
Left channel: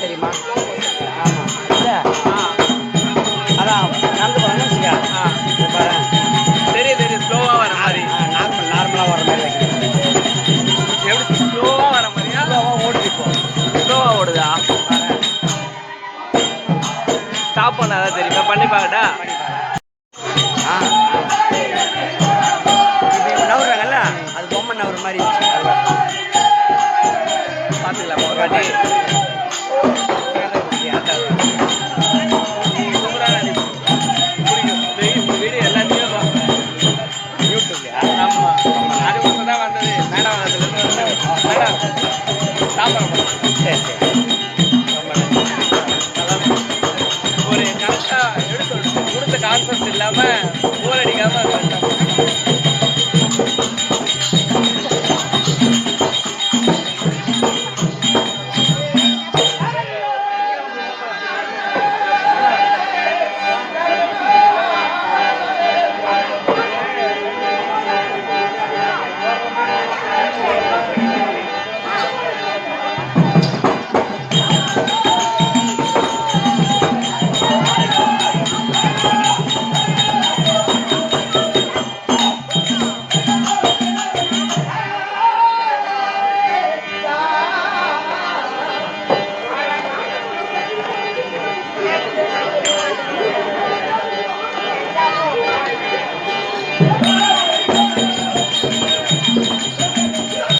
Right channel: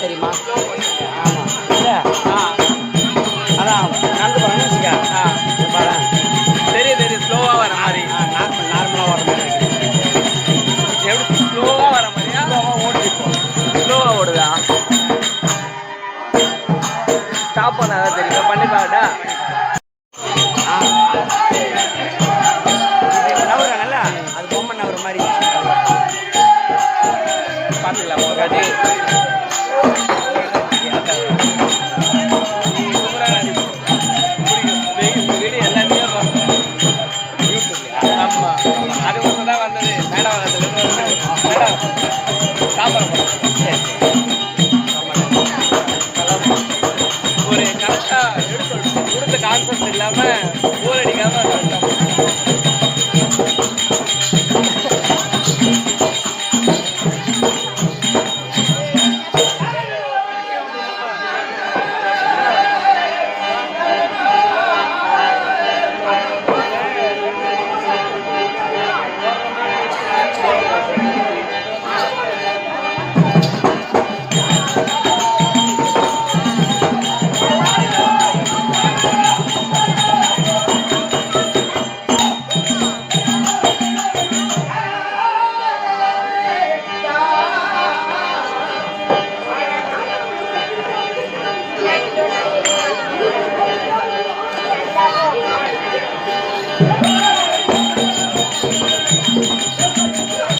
தெரியுமா? ஆமா, இல்ல அதான் நடந்து போறான்னு வச்சுக்க. தெரியும் ஸ்லோவா வர மாதிரி நார்மலா ஸ்டாப் பண்ணாதான் தெரியுமா? பண்ணி பாக்கட்டா? அது பொம்மை நவர மாதிரி பார்த்துக்கலாம் ஒரு வாட்டி. சூப்பராக நடிக்கும். பிடிக்கும். வீடியோ எல்லாத்தையும் ஆமாம், அது மட்டும் தான் வந்தது. மேடம் அதுலேருந்து வந்தது. மேடம் சாப்பிட்றோம். ஒரு கரெக்டாக எடுத்து கொடுத்த கான்செப்ட் இல்லாமல் போர் அடிக்காமல் கரெக்டாக